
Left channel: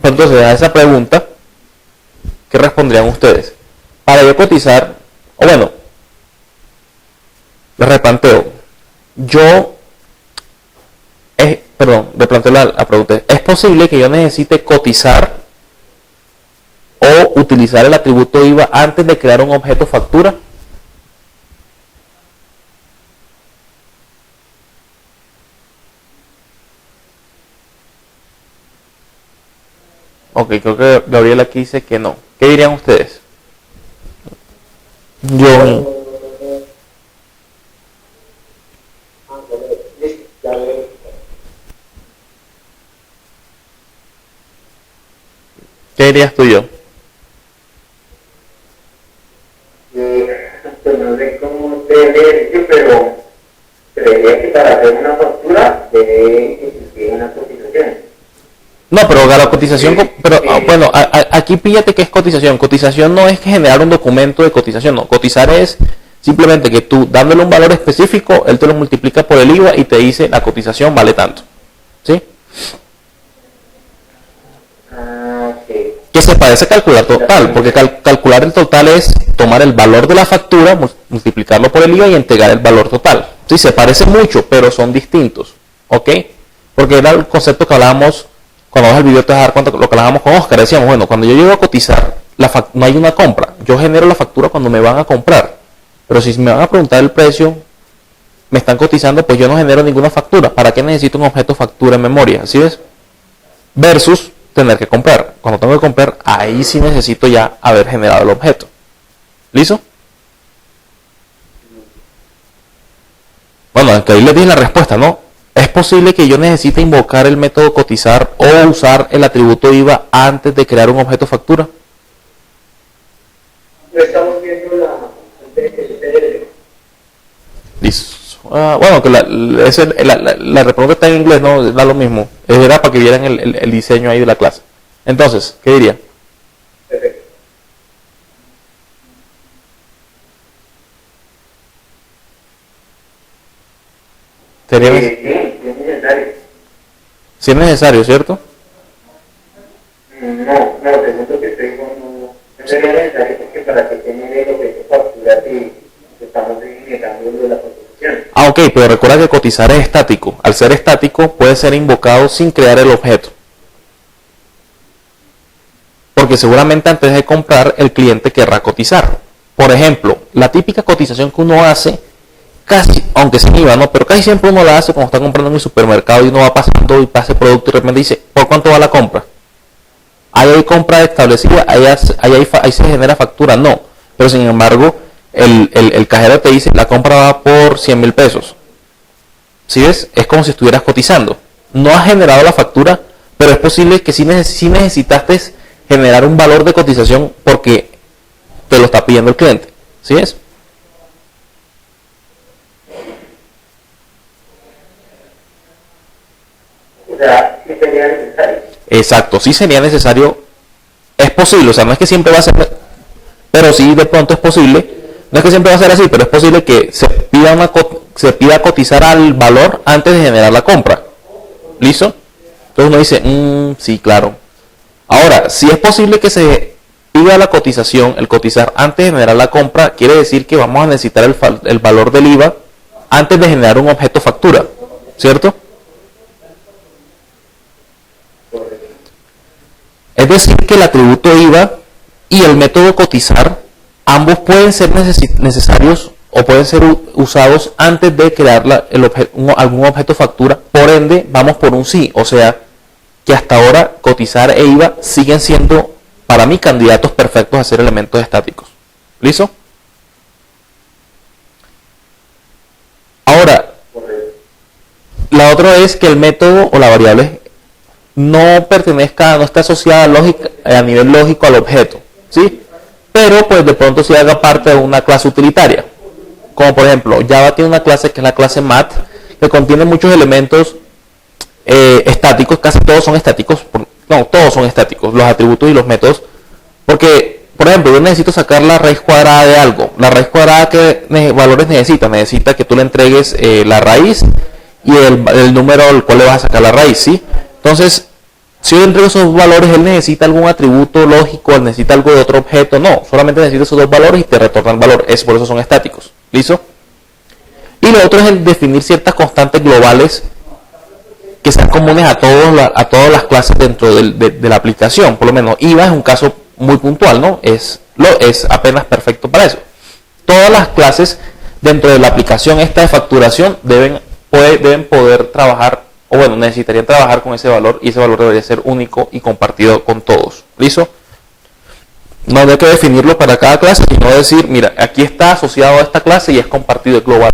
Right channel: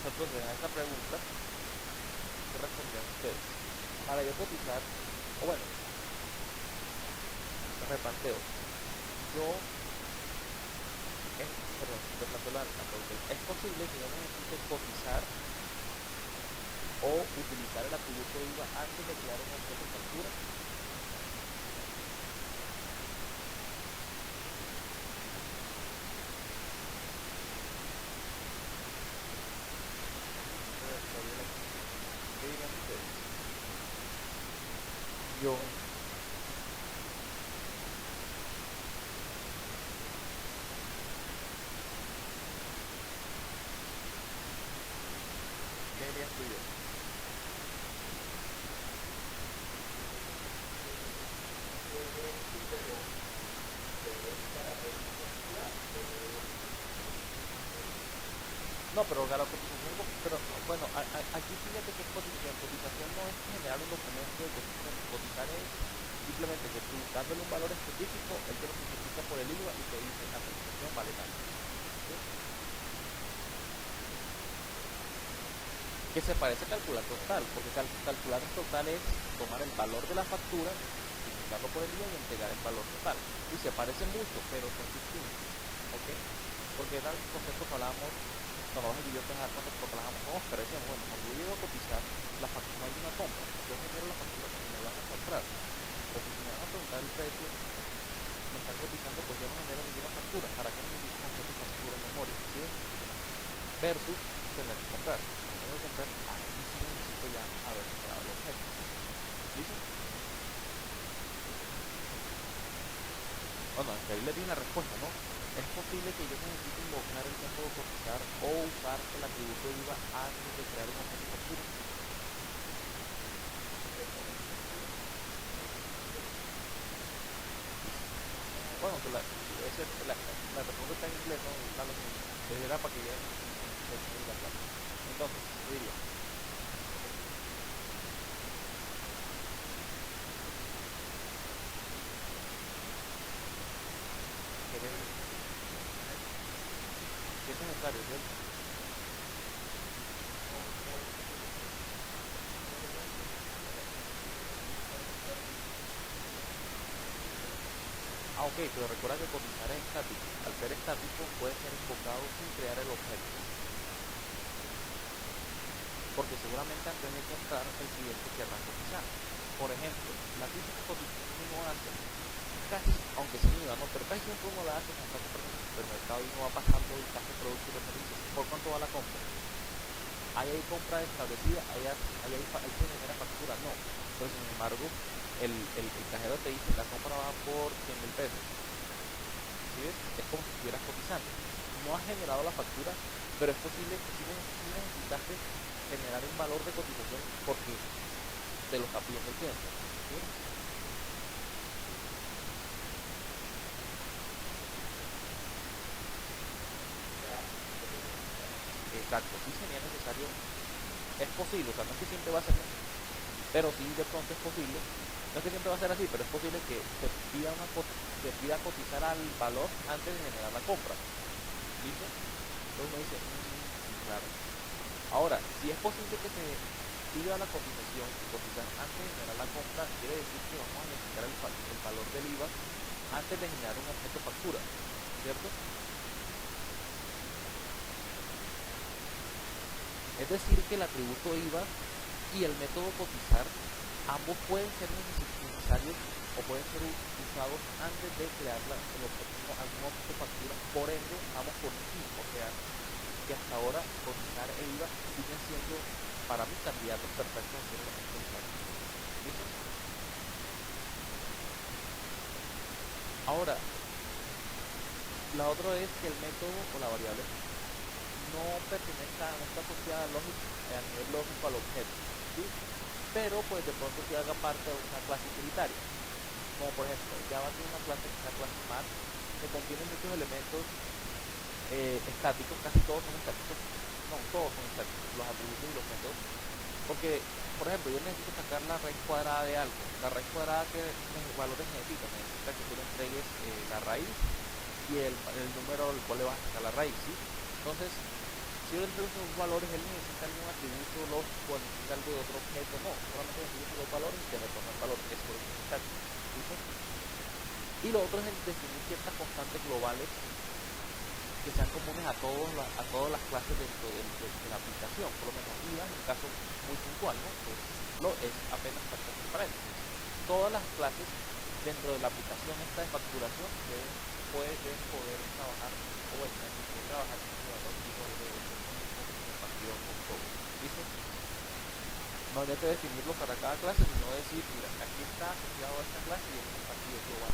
Entonces, a esa pregunta, ¿qué responderían ustedes? Para yo cotizar, o bueno, les replanteo. Replanteo la pregunta. ¿Es posible que yo necesite cotizar o utilizar el atributo IVA antes de crear un objeto factura? Ok, creo que Gabriel aquí dice que no. ¿Qué dirían ustedes? Yo... ¿Qué dirías tú, yo? Pues no sé cómo ustedes, pero creería que para hacer una factura debe existir una cotización. No, pero la cotización, pero bueno, aquí píllate que es cotización. Cotización no es que generar un documento de cotización, no. Cotizar es simplemente que tú, dándole un valor específico, él te lo multiplica por el IVA y te dice la cotización vale tanto. ¿Sí? Que se parece a calcular total, porque calcular el total es tomar el valor de la factura, multiplicarlo por el IVA y entregar el valor total. Sí, se parece mucho, pero son distintos. ¿Ok? Porque era el concepto que hablábamos, cuando vas al video te vas a dar cuenta de lo que hablábamos con Oscar. Decíamos, bueno, cuando yo llego a cotizar, no hay una compra. Yo genero la factura cuando me van a comprar. Pero si me van a preguntar el precio, me están cotizando, pues yo no genero ninguna factura. ¿Para qué necesito un objeto factura en memoria? ¿Así ves? Versus tener que comprar. Cuando tengo que comprar, ahí sí necesito ya haber generado el objeto. ¿Listo? Bueno, aunque ahí les di la respuesta, ¿no? ¿Es posible que yo necesite invocar el método cotizar o usar el atributo IVA antes de crear un objeto factura? No estamos viendo la Listo. Bueno, que la respuesta está en inglés, no da lo mismo. Era para que vieran el diseño ahí de la clase. Entonces, ¿qué diría? Perfecto. Sería Sí, es necesario. si es necesario, ¿cierto? No, te cuento que estoy con... No sería necesario porque para que genere lo que es factura si estamos generando la construcción. Ok, pero recuerda que cotizar es estático. Al ser estático puede ser invocado sin crear el objeto. Porque seguramente antes de comprar el cliente querrá cotizar. Por ejemplo, la típica cotización que uno hace, casi, aunque sin IVA, ¿no? Pero casi siempre uno la hace cuando está comprando en el supermercado y uno va pasando y pasa el producto y de repente dice, ¿por cuánto va la compra? Ahí hay compra establecida, ahí se genera factura, no. Pero sin embargo, el cajero te dice, la compra va por 100.000 pesos. ¿Sí ves? Es como si estuvieras cotizando. No has generado la factura, pero es posible que sí necesitaste generar un valor de cotización porque te lo está pidiendo el cliente. ¿Sí ves? O sea, sí sería necesario. Exacto, sí sería necesario. Es posible, o sea, no es que siempre va a ser, pero sí de pronto es posible. No es que siempre va a ser así, pero es posible que se pida cotizar al valor antes de generar la compra. ¿Listo? Entonces uno dice, sí, claro. Ahora, si es posible que se pida la cotización, el cotizar antes de generar la compra, quiere decir que vamos a necesitar el valor del IVA antes de generar un objeto factura, ¿cierto? Es decir, que el atributo IVA y el método cotizar, ambos pueden ser necesarios o pueden ser usados antes de crear algún objeto factura. Por ende, vamos por un sí. O sea, que hasta ahora cotizar e IVA siguen siendo, para mí, candidatos perfectos a ser elementos estáticos. ¿Listo? Ahora, la otra es que el método o la variable no esté asociada a nivel lógico al objeto, ¿sí? Pero pues de pronto sí haga parte de una clase utilitaria. Como por ejemplo, Java tiene una clase que es la clase Math, que contiene muchos elementos estáticos, casi todos son estáticos, todos son estáticos, los atributos y los métodos, porque, por ejemplo, yo necesito sacar la raíz cuadrada de algo. La raíz cuadrada, ¿qué valores necesita que tú le entregues la raíz y el número al cual le vas a sacar la raíz, ¿sí? Entonces, si yo le entrego esos valores, él necesita algún atributo lógico, él necesita algo de otro objeto, no, solamente necesita esos dos valores y te retorna el valor, por eso son estáticos, ¿listo? Y lo otro es el definir ciertas constantes globales que sean comunes a todas las clases dentro de la aplicación. Por lo menos IVA es un caso muy puntual, ¿no? Es apenas perfecto para eso. Todas las clases dentro de la aplicación esta de facturación deben poder trabajar, o bueno, necesitarían trabajar con ese valor, y ese valor debería ser único y compartido con todos. ¿Listo? No hay que definirlo para cada clase, sino decir, mira, aquí está asociado a esta clase y es compartido global.